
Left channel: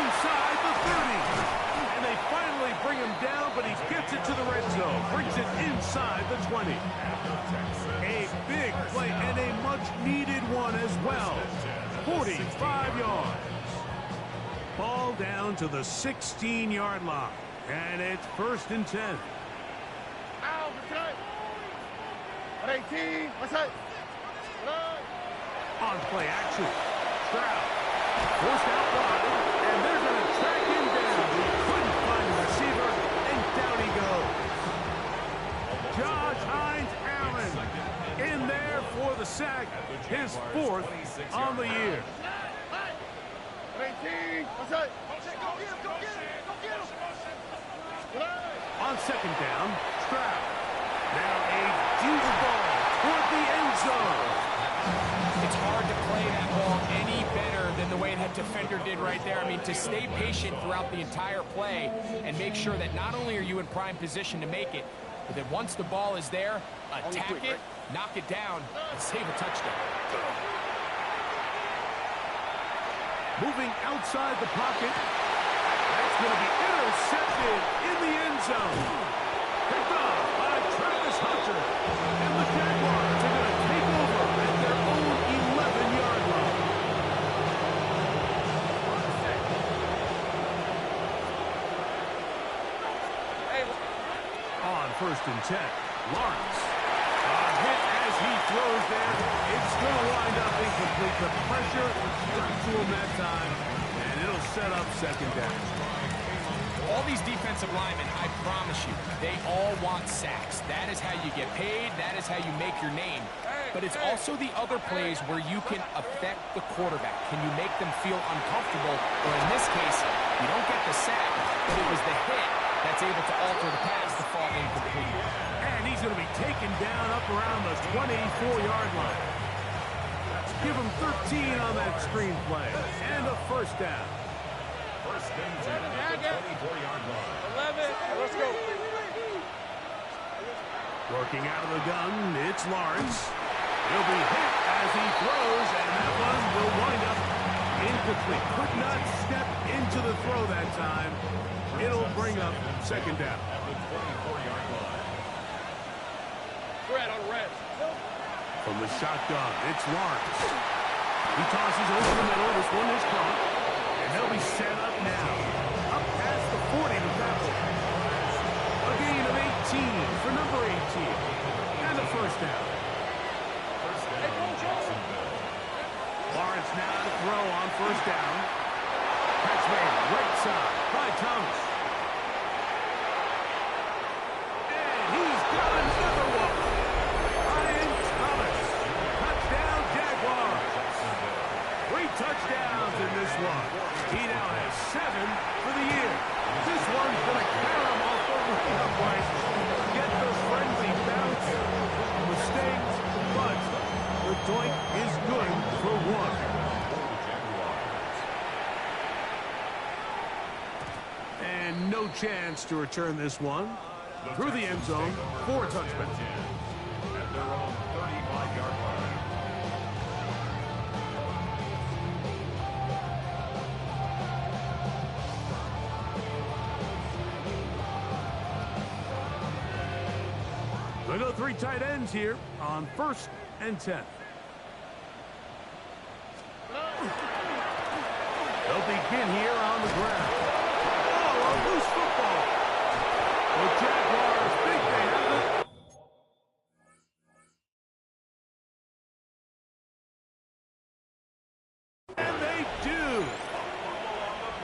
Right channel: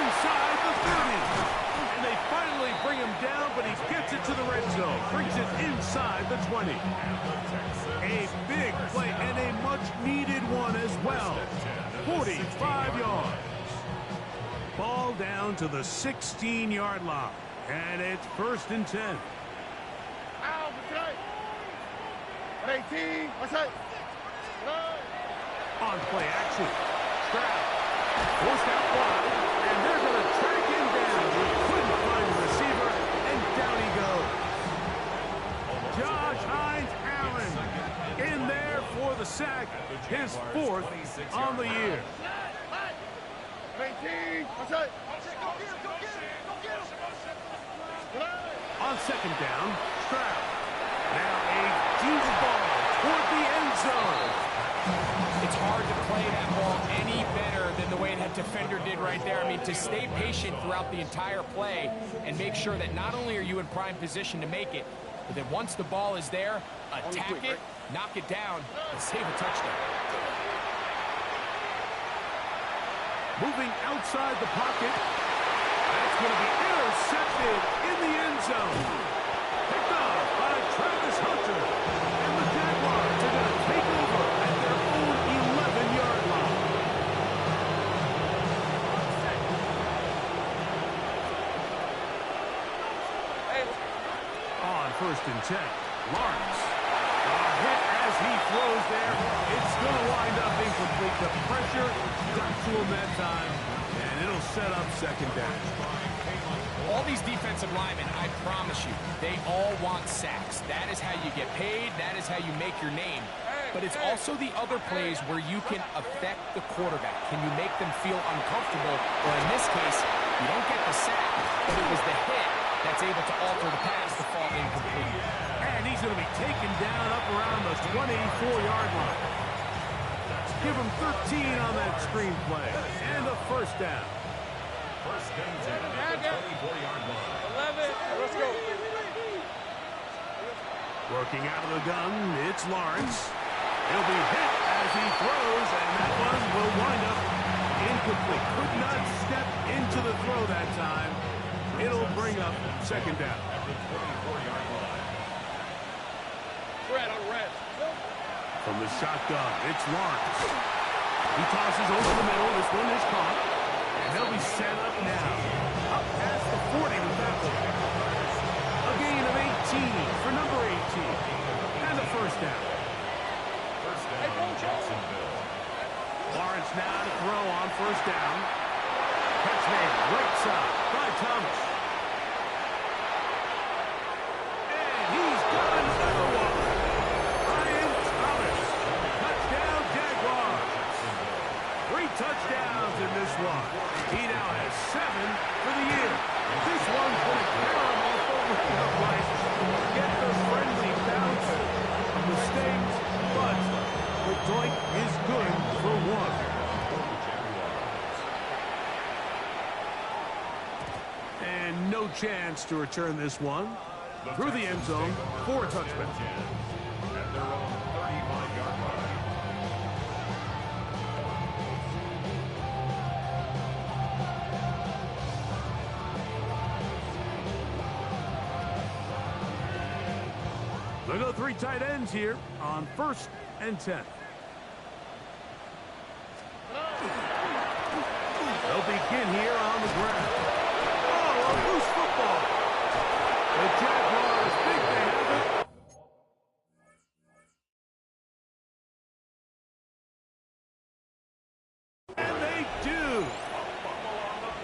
Inside the 30. And they finally bring him down, but he gets it to the red zone. Brings it inside the 20. A big play and a much-needed one as well. 45 yards. Ball down to the 16-yard line. And it's 1st and 10. Out for tonight. 18. What's that? On play action. Stroud forced out wide, and they're going to track him down. He couldn't find a receiver, and down he goes. Josh Hines-Allen in there for the sack, his 4th on the year. 18. What's that? Go get him. Go get him. Go get him. On second down, Stroud. Now a deep ball toward the end zone. It's hard to play that ball any better than the way that defender did right there. I mean, to stay patient throughout the entire play and make sure that not only are you in prime position to make it, but that once the ball is there, attack it, knock it down, and save a touchdown. Moving outside the pocket. That's going to be intercepted in the end zone. Picked off by Travis Hunter. And the Jaguars are going to take over at their own 11-yard line. On 1st and 10, Lawrence. A hit as he throws there. It's going to wind up incomplete. The pressure got to him that time, and it'll set up 2nd down. All these defensive linemen, I promise you, they all want sacks. That is how you get paid. That is how you make your name. But it's also the other plays where you can affect the quarterback. Can you make them feel uncomfortable? Or in this case, you don't get the sack, but it was the hit that's able to alter the pass to fall incomplete. And he's going to be taken down up around the 24-yard line. Give him 13 on that screen play. And a 1st down. 1st and 10 at the 24-yard line. 11. Let's go. Working out of the gun, it's Lawrence. He'll be hit as he throws, and that one will wind up incomplete. Could not step into the throw that time. It'll bring up 2nd down. At the 24-yard line. Red on red. From the shotgun, it's Lawrence. He tosses over the middle. This one is caught. And they'll be set up now. Up past the 40 with that one. A gain of for number 18. And a first down. First down, Jacksonville. Lawrence now to throw on first down. Catch made right side by Thomas. And he's got another one. Ryan Thomas. Touchdown, Jaguars. 3 touchdowns in this one. He now has 7 for the year. This one's going to carry him off the way upright. Get the friendly bounce on the stings, but the doink is good for 1. And no chance to return this one. Through the end zone for a touchdown. At their own 35-yard line. They'll go 3 tight ends here on 1st and 10. They'll begin here on the ground. Oh, a loose football. The Jaguars think they have it. And they do.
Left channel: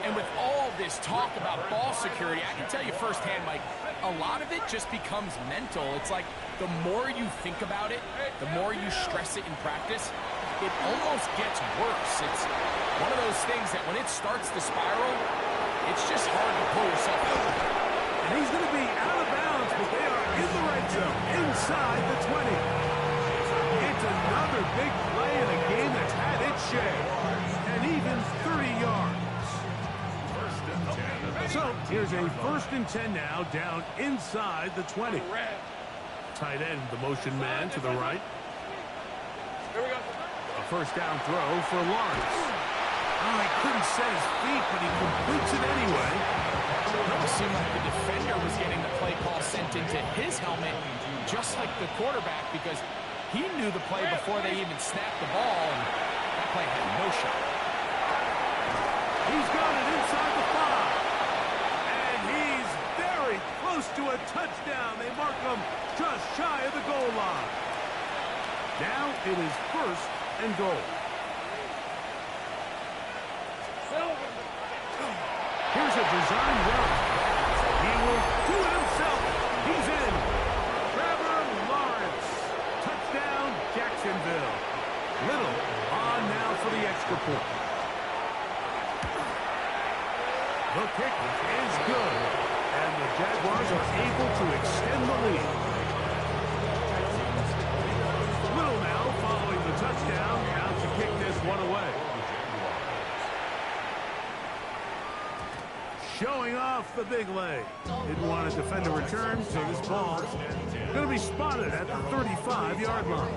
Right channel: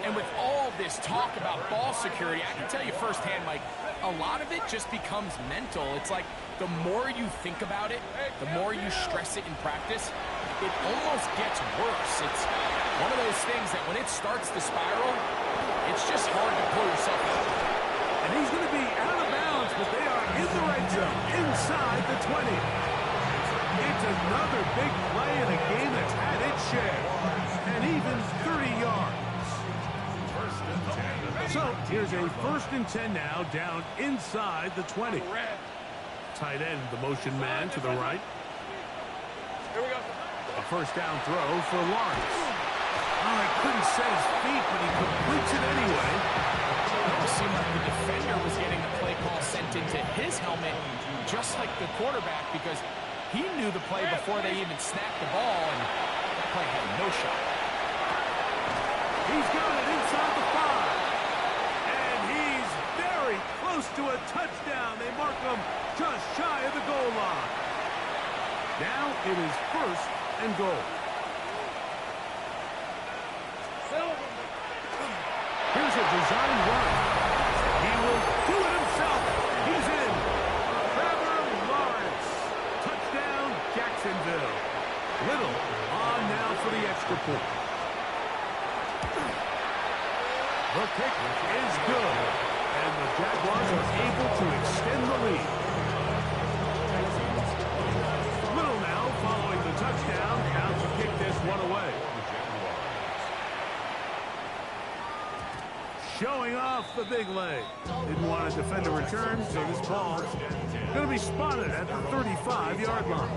And with all this talk about ball security, I can tell you firsthand, Mike, a lot of it just becomes mental. It's like the more you think about it, the more you stress it in practice, it almost gets worse. It's one of those things that when it starts to spiral, it's just hard to pull yourself out. And he's going to be out of bounds, but they are in the red zone, inside the 20. It's another big play in a game that's had its share, and even 30 yards. So here's a 1st and 10 now, down inside the 20. Tight end, the motion man to the right. Here we go. A first down throw for Lawrence. Oh, he couldn't set his feet, but he completes it anyway. It almost seemed like the defender was getting the play call sent into his helmet, just like the quarterback, because he knew the play before they even snapped the ball, and that play had no shot. He's got it inside the 5. And he's very close to a touchdown. They mark him just shy of the goal line. Now it is 1st and goal. Here's a design run. He will do it himself. He's in. Trevor Lawrence. Touchdown, Jacksonville. Little on now for the extra point. The kick is good. And the Jaguars are able to extend the lead. Little now following the touchdown. Out to kick this one away. Showing off the big leg. Didn't want to defend a return, so this ball going to be spotted at the 35-yard line.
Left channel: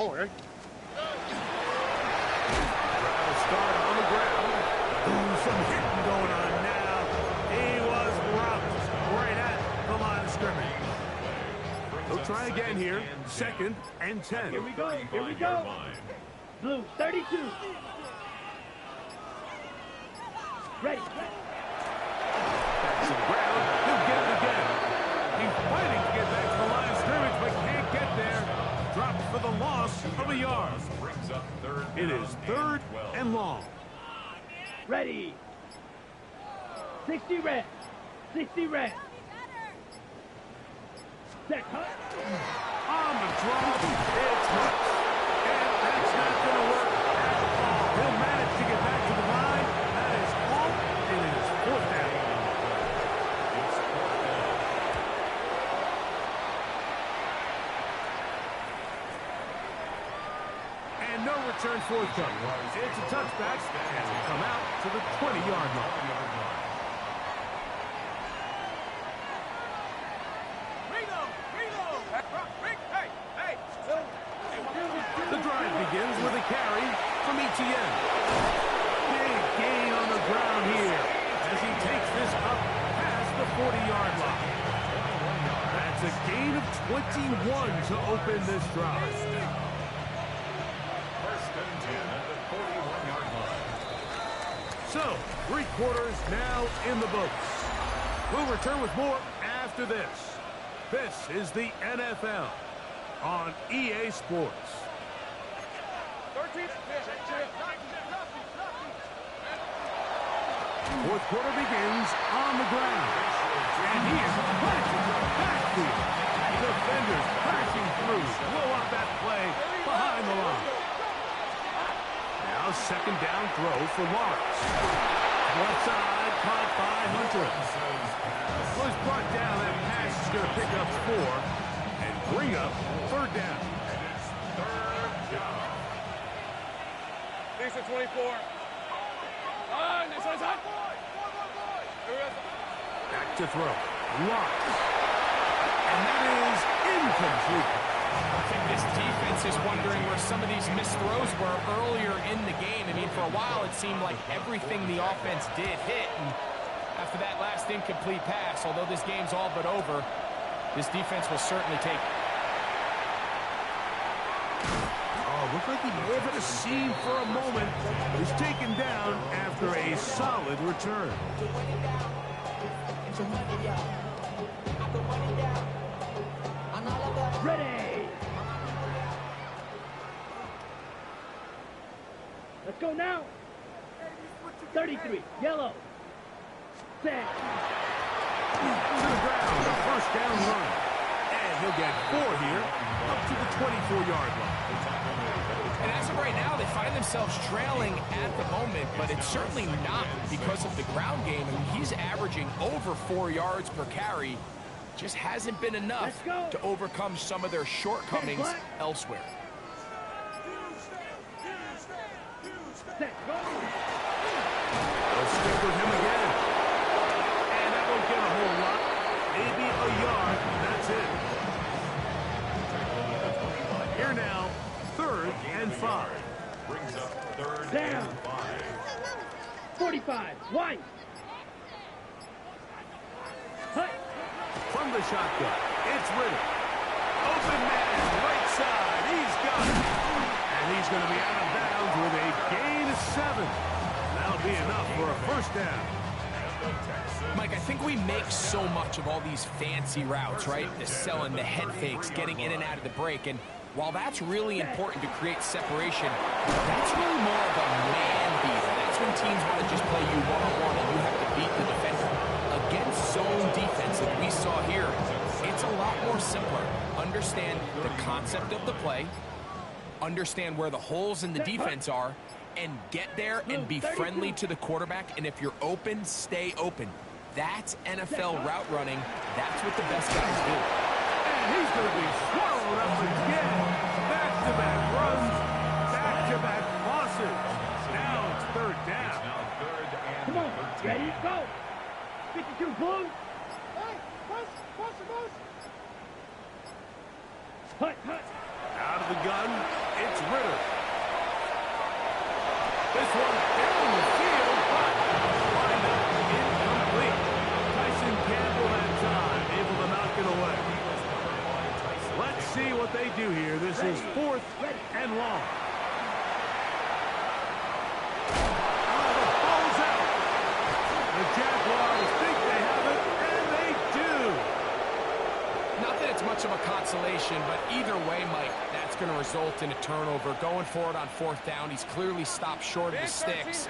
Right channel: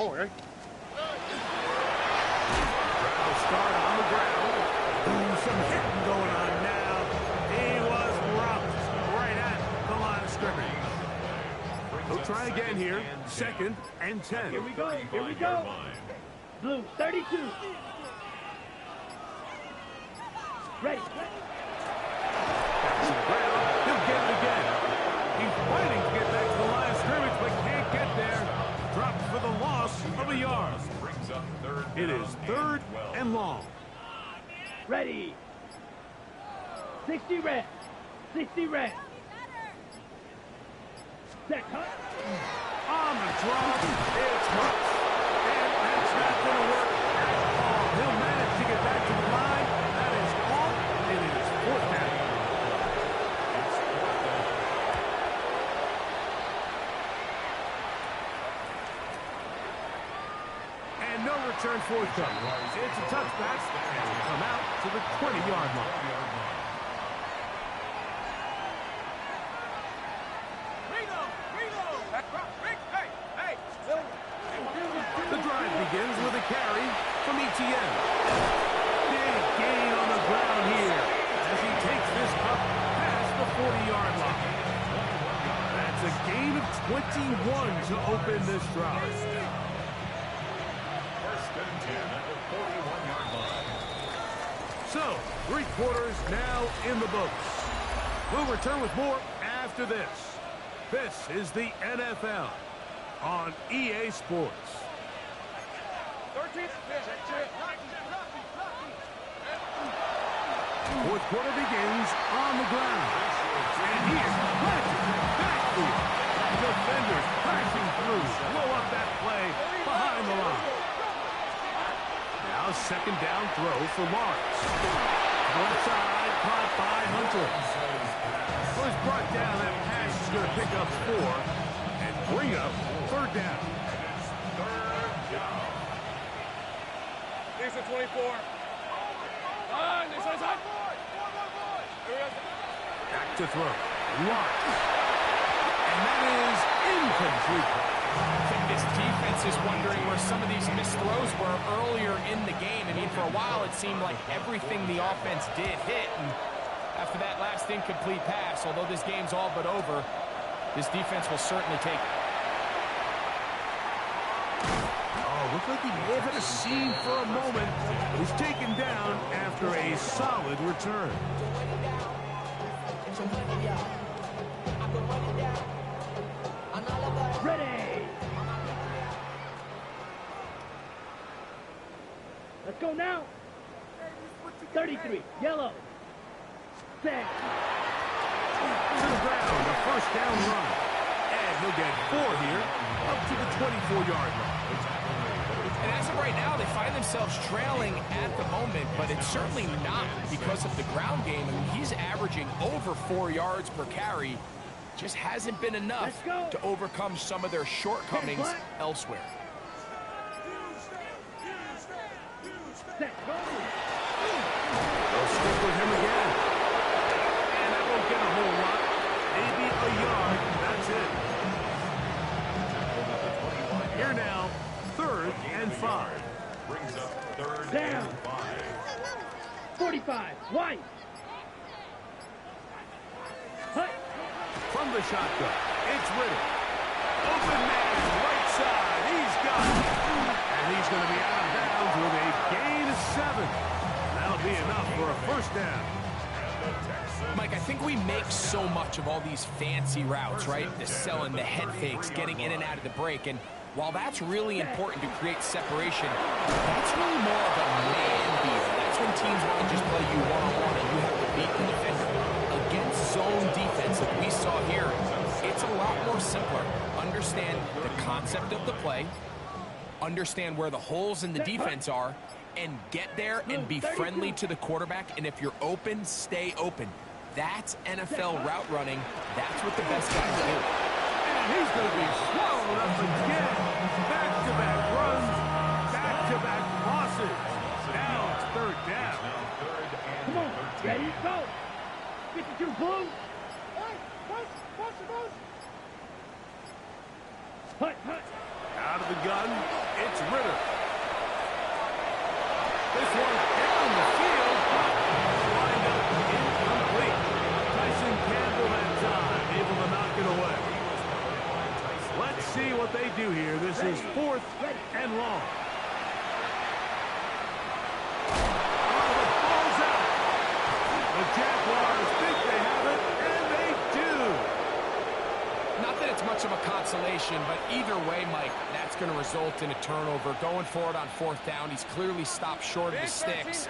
Oh, hey. Rattle start on the ground. Ooh, some hitting going on now. He was robbed right at the line of scrimmage. He'll try again here. 2nd and 10. Here we go. Here we go. Blue, 32. Ready. Back to the ground. He'll get it again. He's fighting to get back to the line of scrimmage, but can't get there. Dropped for the loss of a yard. It is 3rd and long. Ready. 60 red. 60 red. Set cut. On the drop, it's Hutch. And that's not going to work at all. He'll manage to get back to the line. That is all. It is 4th down. It's 4th down. And no return forthcoming. It's a touchback, and will come out to the 20-yard line. The drive begins with a carry from ETN. Big gain on the ground here as he takes this up past the 40-yard line. That's It's a gain of 21 to open this drive. First and 10 at the 41-yard line. So, 3 quarters now in the books. We'll return with more after this. This is the NFL on EA Sports. 13. Fourth quarter begins on the ground. And he is planted backfield. Defenders crashing through. Blow up that play behind the line. Now second down throw for Lawrence. Left side caught by Hunter. Was brought down. That pass is going to pick up 4 and bring up third down. And it's third down. These are 24. This one's hot. Back to throw. Lawrence. And that is incomplete. I think this defense is wondering where some of these missed throws were earlier in the game. I mean, for a while it seemed like everything the offense did hit. And after that last incomplete pass, although this game's all but over, this defense will certainly take it. Oh, looked like he may have had a seam for a moment. But he's taken down after a solid return. Ready. Let's go now. 33, yellow. Set. To the ground, a first down run. And he'll get 4 here, up to the 24-yard line. And as of right now, they find themselves trailing at the moment, but it's certainly not because of the ground game. I mean, he's averaging over 4 yards per carry. Just hasn't been enough to overcome some of their shortcomings elsewhere. Set. Go. They'll stick with him again. And that won't get a whole lot. Maybe a yard. That's it. Here now, 3rd and 5. Brings up 3rd Down. and 5. 45, white. Hut. From the shotgun, it's Ritter. Open man, right side. He's got it. And he's going to be out of bounds with a gain of 7. That'll be enough for a first down. Mike, I think we make so much of all these fancy routes, right? The selling, the head fakes, getting in and out of the break. And while that's really important to create separation, that's really more of a man beater. That's when teams want to just play you one-on-one and you have to beat the defender. Against zone defense like we saw here, it's a lot more simpler. Understand the concept of the play, understand where the holes in the defense are, and get there and be friendly to the quarterback. And if you're open, stay open. That's NFL route running. That's what the best guys do. And he's going to be swallowed up again. Back-to-back runs, back-to-back losses. Now it's 3rd down. Come on. Ready, go. 52 blue. Hut. Out of the gun, it's Ritter. This one down the field, but wind up incomplete. Tyson Campbell that time, able to knock it away. Let's see what they do here. This is 4th and long. Oh, the ball's out. The Jaguars think they have it, and they do. Not that it's much of a consolation, but either way, Mike, that's going to result in a turnover. Going forward on 4th down, he's clearly stopped short of the sticks.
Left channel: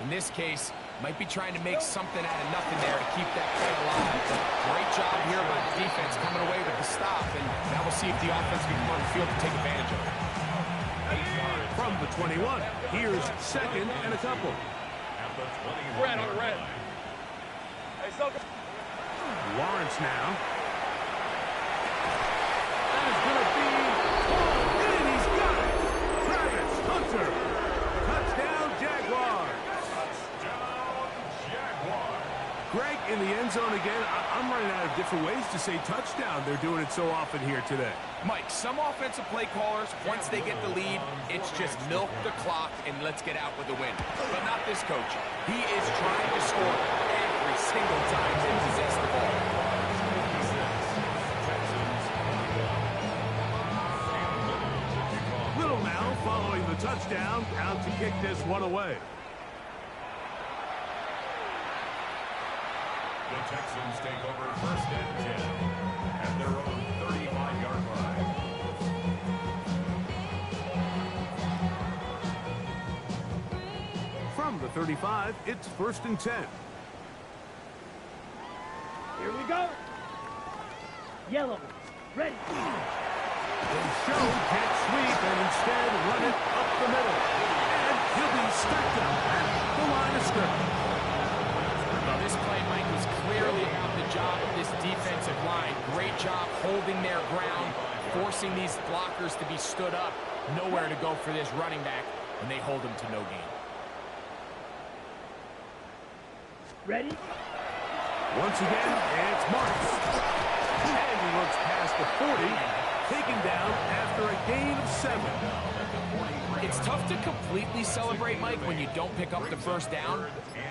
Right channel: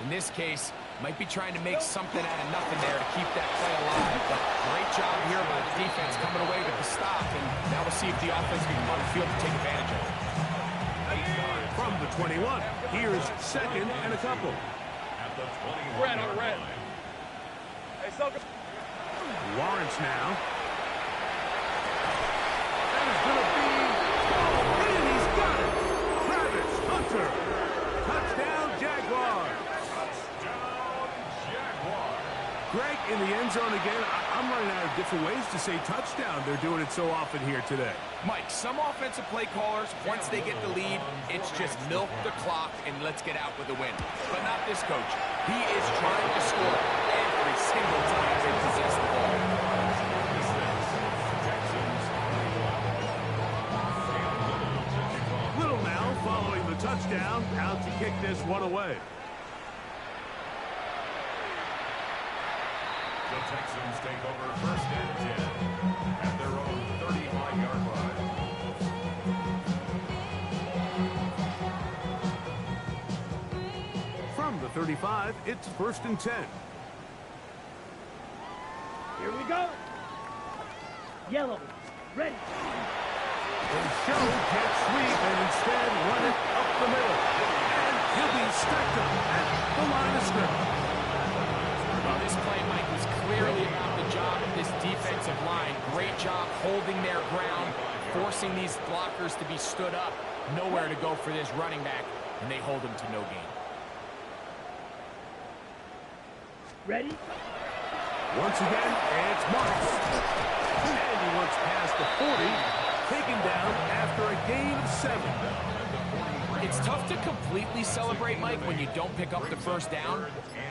In this case, might be trying to make something out of nothing there to keep that play alive. But great job here by the defense coming away with the stop. And now we'll see if the offense can come on the field to take advantage of it. From the 21, here's 2nd and a couple. At the 21 Red on red. Hey, Lawrence now. That is going to be pulled in. He's got it. Travis Hunter. Touchdown, Jaguars. Touchdown, Jaguars. Greg, in the end zone again. I'm running out of different ways to say touchdown. They're doing it so often here today. Mike, some offensive play callers, once they get the lead, it's just milk the clock and let's get out with a win. But not this coach. He is trying to score every single time they possess the ball. touchdown, out to kick this one away. The Texans take over first and 10 at their own 35-yard line. From the 35, it's first and 10. Here we go. Yellow. Ready. They show jet sweep and instead run it up the middle. And he'll be stacked up at the line of scrimmage. Well, this play, Mike, was clearly about the job of this defensive line. Great job holding their ground, forcing these blockers to be stood up. Nowhere to go for this running back, and they hold him to no gain. Ready. Once again, it's Marks. And he looks past the 40, taken down after a gain of 7. It's tough to completely celebrate, Mike, when you don't pick up the first down,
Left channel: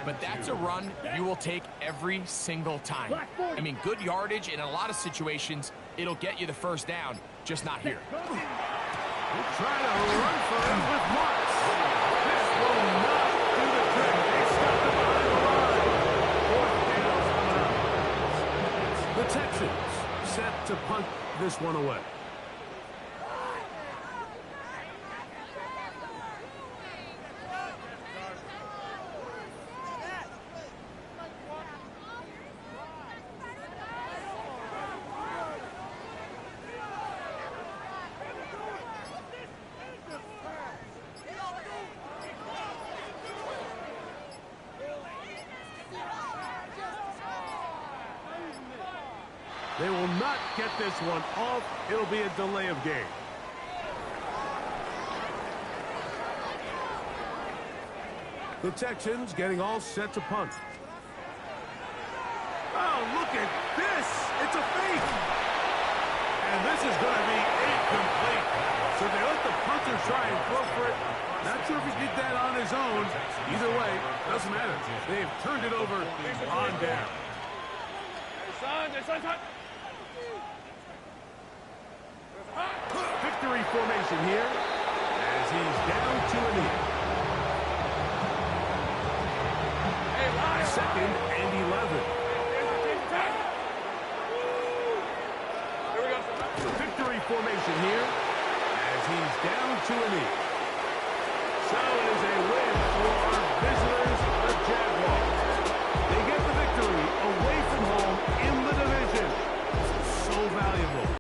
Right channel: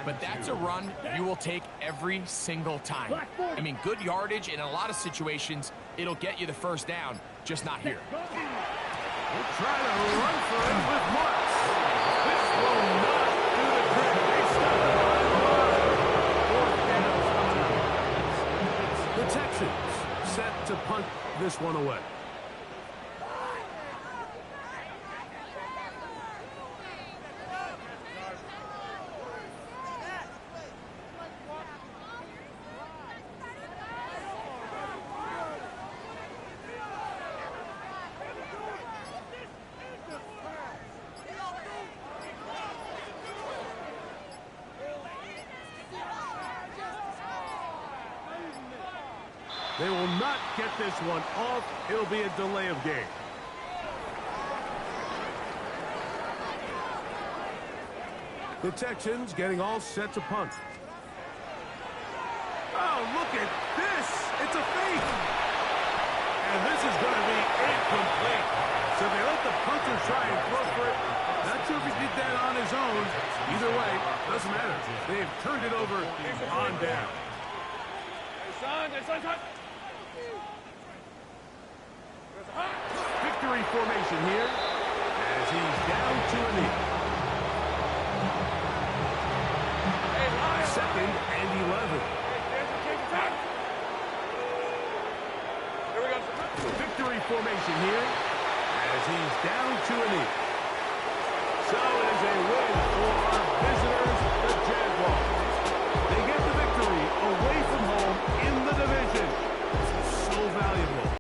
but that's a run you will take every single time. I mean, good yardage, and in a lot of situations, it'll get you the first down, just not here. We'll try to run for it with Marks. This will not do the trick. They stop it behind the line. Fourth down's coming up. The Texans set to punt this one away. They will not get this one off. It'll be a delay of game. The Texans getting all set to punt. Oh, look at this. It's a fake. And this is going to be incomplete. So they let the punter try and throw for it. Not sure if he did that on his own. Either way, doesn't matter. They've turned it over on down. Victory formation here as he's down to a knee. Second and 11. Victory formation here as he's down to a knee. So it is a win for our visitors.